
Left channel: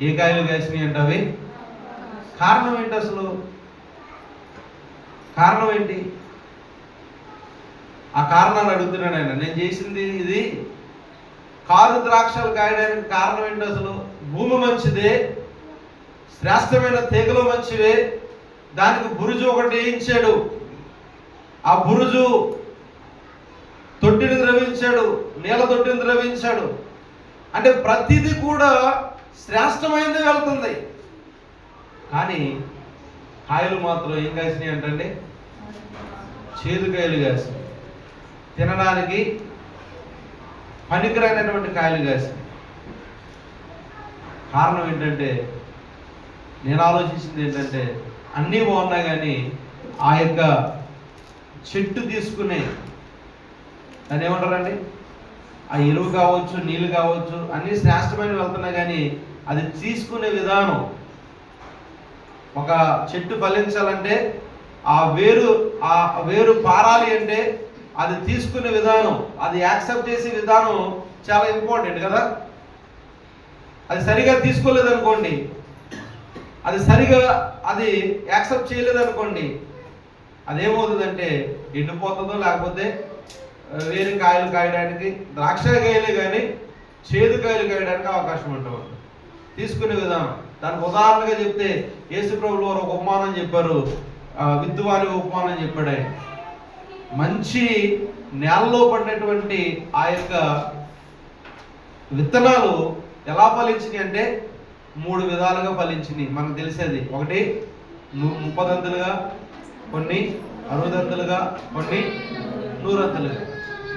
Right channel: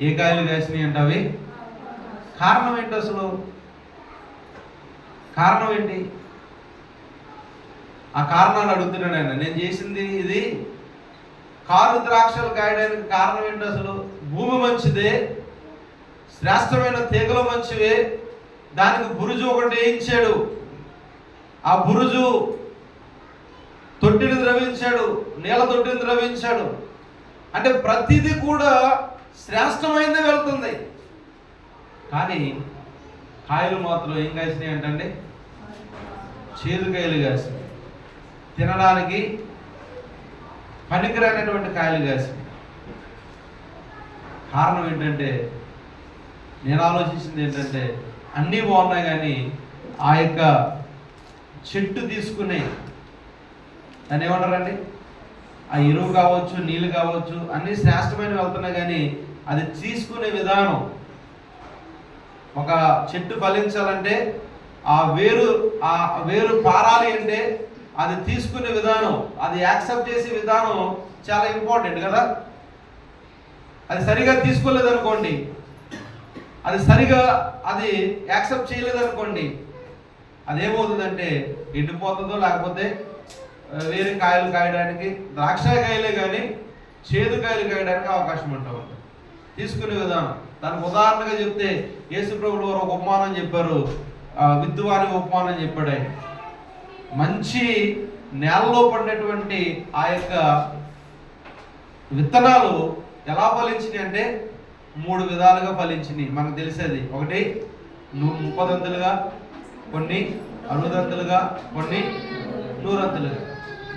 ఏ కాయలు కాసినాయి అంటే అవి. కారణం ఏంటి అసలు? కారణం ఏంటి? ఆ కారణాలు అడుగుతున్నాడు ఆయన. నేను చేసింది ఇది కారు ద్రాక్షలు కాయడానికి కారణం ఏంటి అసలు? భూమి మంచిదే, శ్రేష్టమైన తీగలు మంచివే, దానికి బురుజు ఒకటి వేయించాడు. ఆ బురుజు తొట్టిని ద్రవించాడు, నీళ్ళ తొట్టిని ద్రవించాడు. అంటే ప్రతిదీ కూడా శ్రేష్టమైనది వెళ్తుంది. కానీ కాయలు మాత్రం ఏం కాసినాయి అంటే చేదు కాయలు కాసినాయి, తినడానికి పనికిరానటువంటి కాయలు కాసినాయి. కారణం ఏంటంటే, నేను ఆలోచించింది ఏంటంటే, అన్నీ బాగున్నాయి కానీ ఆ యొక్క చెట్టు తీసుకునే దాన్ని ఏమంటారండి? ఆ ఎరువు కావచ్చు, నీళ్ళు కావచ్చు, అన్నీ శ్రేష్టమైనవి వెళ్తున్నాయి కానీ అది తీసుకునే విధానం. ఒక చెట్టు ఫలించాలంటే ఆ వేరు పారాలి అంటే అది తీసుకునే విధానం, అది యాక్సెప్ట్ చేసే విధానం చాలా ఇంపార్టెంట్ కదా. అది సరిగా తీసుకోలేదనుకోండి, అది యాక్సెప్ట్ చేయలేదనుకోండి, అదేమవుతుందంటే ఎండిపోతుందో, లేకపోతే వేరే కాయలు కాయడానికి, ద్రాక్ష కాయలే కానీ చేదు కాయలు కాయడానికి అవకాశం ఉంటుంది. తీసుకునే విధానం. దానికి ఉదాహరణగా చెప్తే యేసు ప్రభువులు వారు ఒక ఉపమానం చెప్పారు, విత్తువాని ఉపమానం చెప్పాడు ఆయన. మంచి నేలలో పడినటువంటి ఆ యొక్క విత్తనాలు ఎలా ఫలించినాయి అంటే 3 విధాలుగా ఫలించినాయి. మనకు తెలిసేది, ఒకటి 30 దంతులుగా, కొన్ని 60 దంతులుగా, కొన్ని 100 దంతులుగా.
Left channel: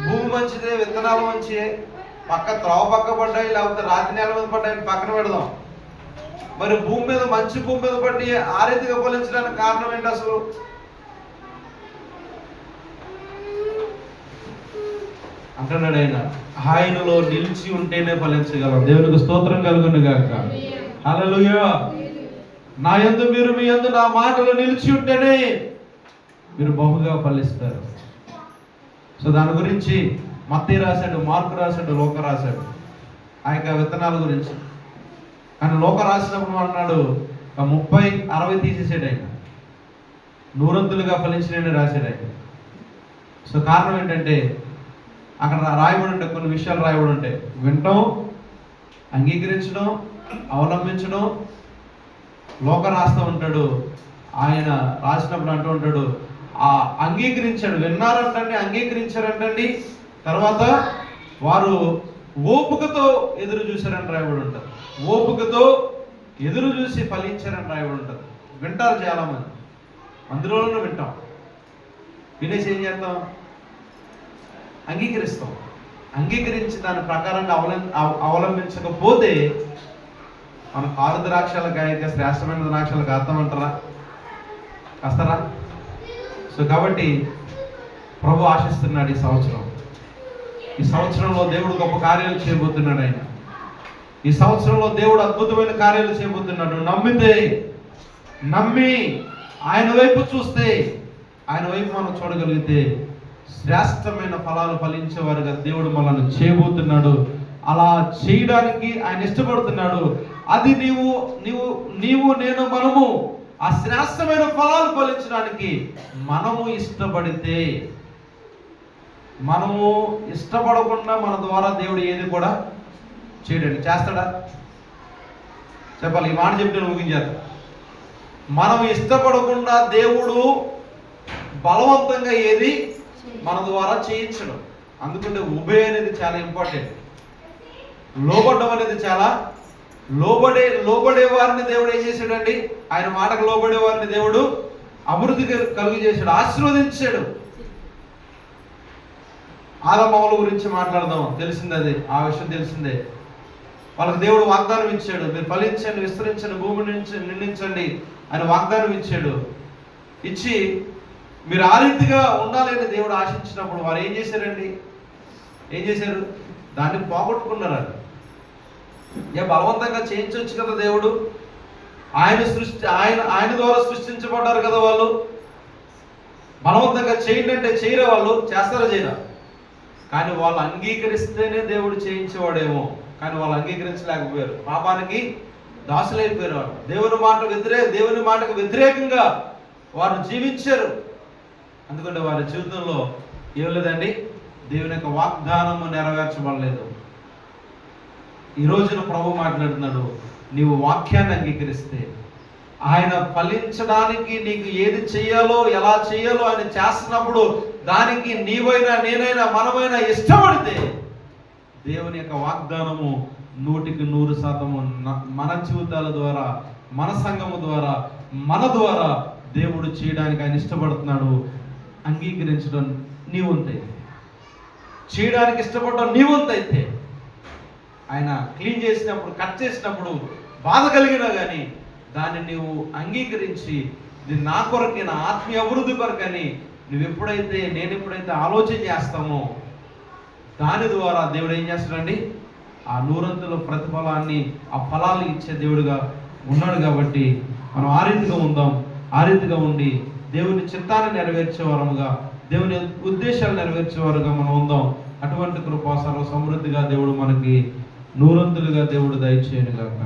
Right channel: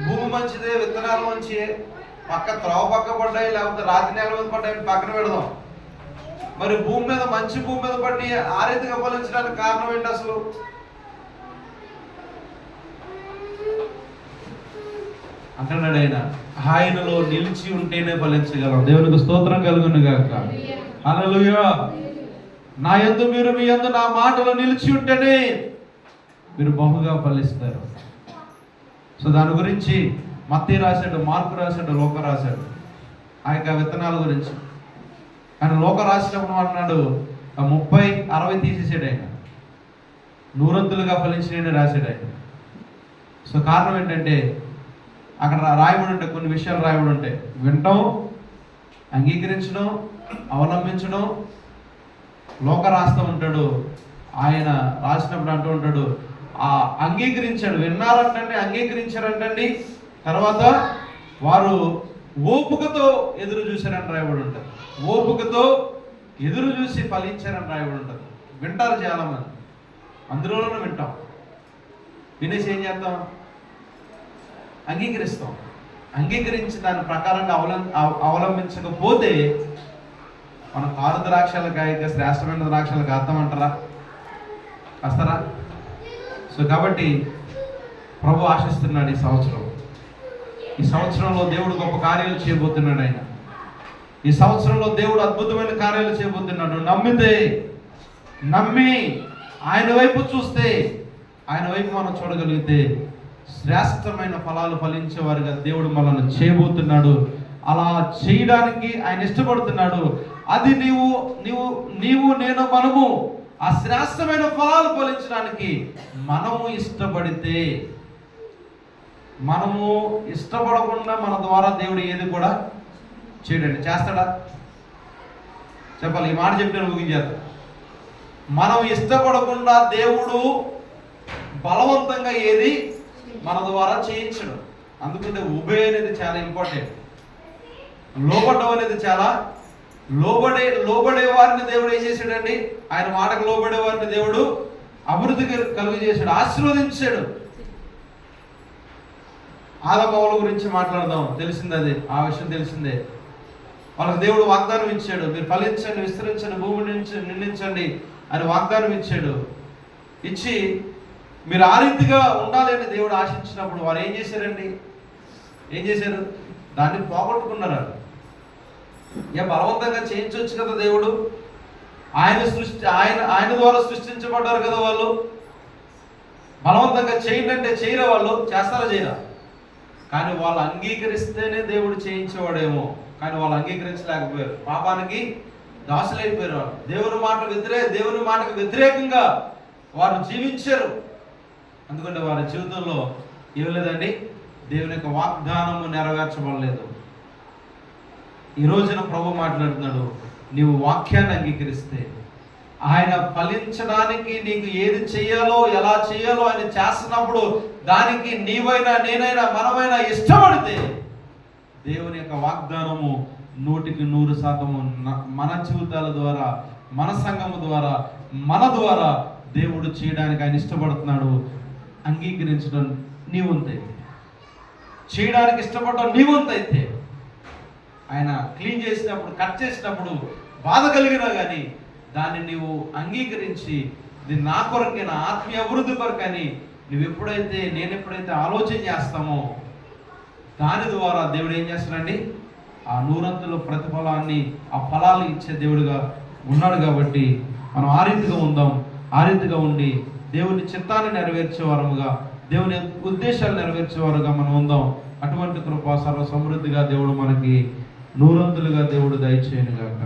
భూమి మంచిదే, విత్తనాలు మంచిదే, త్రోవ పక్క పడ్డాయి, లేకపోతే రాతి నేల మీద పడ్డాయి పక్కన పెడదాం. మరి మంచి భూమి మీద పడి ఆ రీతిగా ఫలించడానికి కారణం ఏంటి అసలు? అంటున్నాడు ఆయన, ఆయనలో నిలిచి ఉంటేనే ఫలించగలం. దేవునికి స్తోత్రం కలుగును గాక. హల్లెలూయా. నా యందు మీరు మీ యందు నా మాటలు నిలిచి ఉంటేనే మీరు బహుగా ఫలిస్తారు. సో దాని గురించి మత్తయి రాశాడు, మార్కు రాశాడు, లోక రాశాడు ఆ యొక్క విత్తనాల గురించి. కానీ లోక రాసినప్పుడు అన్నాడు 30-60 తీసేసాడు ఆయన, 100 ఫలించినని రాశాడు ఆయన. సో కారణం ఏంటంటే అక్కడ రాయబడి ఉంటాయి, కొన్ని విషయాలు రాయబడి ఉంటాయి. వినటం, అంగీకరించడం, అవలంబించడం. లోక రాస్తూ ఉంటాడు, ఆయన రాసినప్పుడు అంటూ ఉంటాడు, అంగీకరించాడు, విన్నారంటండి, అంగీకరించారంటండి, తర్వాత వారు ఓపికతో ఎదురు చూశారని రాయబడి ఉంటుంది. ఓపికతో ఎదురు చూసి ఫలించారని రాయబడి ఉంటుంది. వింటారు చాలామంది, అందులోనూ వింటాం, వినేసి ఏం చేస్తాం? అంగీకరిస్తాం. అంగీకరించి దాని ప్రకారంగా అవలంబించకపోతే మన కారు ద్రాక్షల కాయక శ్రేష్టమైన ద్రాక్షలు కాస్తామంటారా? కాస్తారా? సో కాబట్టి ప్రభు ఆశిస్తున్నాడు ఈ సంవత్సరంలో దేవుడు గొప్ప కార్యాలు చేయబోతున్నాడు. ఆయన ఈ సంవత్సరంలో దేవుడు అద్భుతమైన కార్యాలు చేయబోతున్నాడు. నమ్మి ఆయన వైపు చూస్తే, ఆయన వైపు మనం చూడగలిగితే శ్రేష్టమైన ఫలాలు ఫలించేవారుగా దేవుడు మనల్ని చేయబోతున్నాడు. అలా చేయడానికి ఆయన ఇష్టపడుతున్నాడు. అది నీవు నేను మనము ఆ శ్రేష్టమైన ఫలాలు ఫలించడానికి మనము ఇష్టపడితే, మనము ఇష్టపడకుండా మన ద్వారా దేవుడు ఏది కూడా చేయడండి. చేస్తాడా? చెప్పాలి. ఈ మాట చెప్తే ముగించారు. మనం ఇష్టపడకుండా దేవుడు బలవంతంగా ఏది మన ద్వారా చేయించడం. అందుకంటే ఉబే అనేది చాలా ఇంపార్టెంట్. లోబడ్డం అనేది చాలా, లోబడే వారిని దేవుడు ఏం చేశాడండి? ఆయన మాటకు లోబడే వారిని దేవుడు అభివృద్ధి కలుగు చేశాడు, ఆశీర్వదించాడు. ఆదామవ్వల గురించి మాట్లాడదాం, తెలిసిందే అది, ఆ విషయం తెలిసిందే. వాళ్ళకి దేవుడు వాగ్దానం ఇచ్చాడు, మీరు ఫలించండి, విస్తరించండి, భూమి నుంచి నిండించండి అని వాగ్దానం ఇచ్చాడు. ఇచ్చి మీరు ఆ రీతిగా ఉండాలి అని దేవుడు ఆశించినప్పుడు వారు ఏం చేశారండి? ఏం చేశారు? దాన్ని పోగొట్టుకున్నారు. బలవంతంగా చేయించవచ్చు కదా దేవుడు. ఆయన ద్వారా సృష్టించబడ్డారు కదా వాళ్ళు. బలవంతంగా చేయండి అంటే చేయరా? వాళ్ళు చేస్తారా? చేయరా? కానీ వాళ్ళు అంగీకరిస్తేనే దేవుడు చేయించేవాడేమో. కానీ వాళ్ళు అంగీకరించలేకపోయారు, పాపానికి దాసులైపోయారు. వాళ్ళు దేవుని మాటకు వ్యతిరేకంగా వారు జీవించారు. అందుకంటే వారి జీవితంలో ఏం లేదండి, దేవుని యొక్క వాగ్దానము నెరవేర్చబడలేదు. ఈ రోజున ప్రభు మాట్లాడుతున్నాడు, నీవు వాక్యాన్ని అంగీకరిస్తే, ఆయన ఫలించడానికి నీకు ఏది చెయ్యాలో, ఎలా చెయ్యాలో ఆయన చేస్తున్నప్పుడు దానికి నీవైనా, నేనైనా, మనమైనా ఇష్టపడితే దేవుని యొక్క వాగ్దానము 100% మన జీవితాల ద్వారా, మన సంఘము ద్వారా, మన ద్వారా దేవుడు చేయడానికి ఆయన ఇష్టపడుతున్నాడు. అంగీకరించడం నీ వంతైతే, చేయడానికి ఇష్టపడడం నీ వంతైతే, ఆయన క్లీన్ చేసినప్పుడు, కట్ చేసినప్పుడు బాధ కలిగినా కానీ దాన్ని నీవు అంగీకరించి, ఇది నా కొరకే, నా ఆత్మీయ అభివృద్ధి కొరకని నేను ఎప్పుడైతే ఆలోచన చేస్తామో దాని ద్వారా దేవుడు ఏం చేస్తాడండి? ఆ 100 ప్రతిఫలాన్ని, ఆ ఫలాలు ఇచ్చే దేవుడుగా ఉన్నాడు. కాబట్టి మనం ఆ రీతిగా ఉందాం. ఆ రీతిగా ఉండి దేవుని చిత్తాన్ని నెరవేర్చేవారముగా, దేవుని ఉద్దేశాలు నెరవేర్చేవారుగా మనం ఉందాం. అటువంటి కృప సర్వ సమృద్ధిగా దేవుడు మనకి 100 దేవుడు దయచేయనుగాక.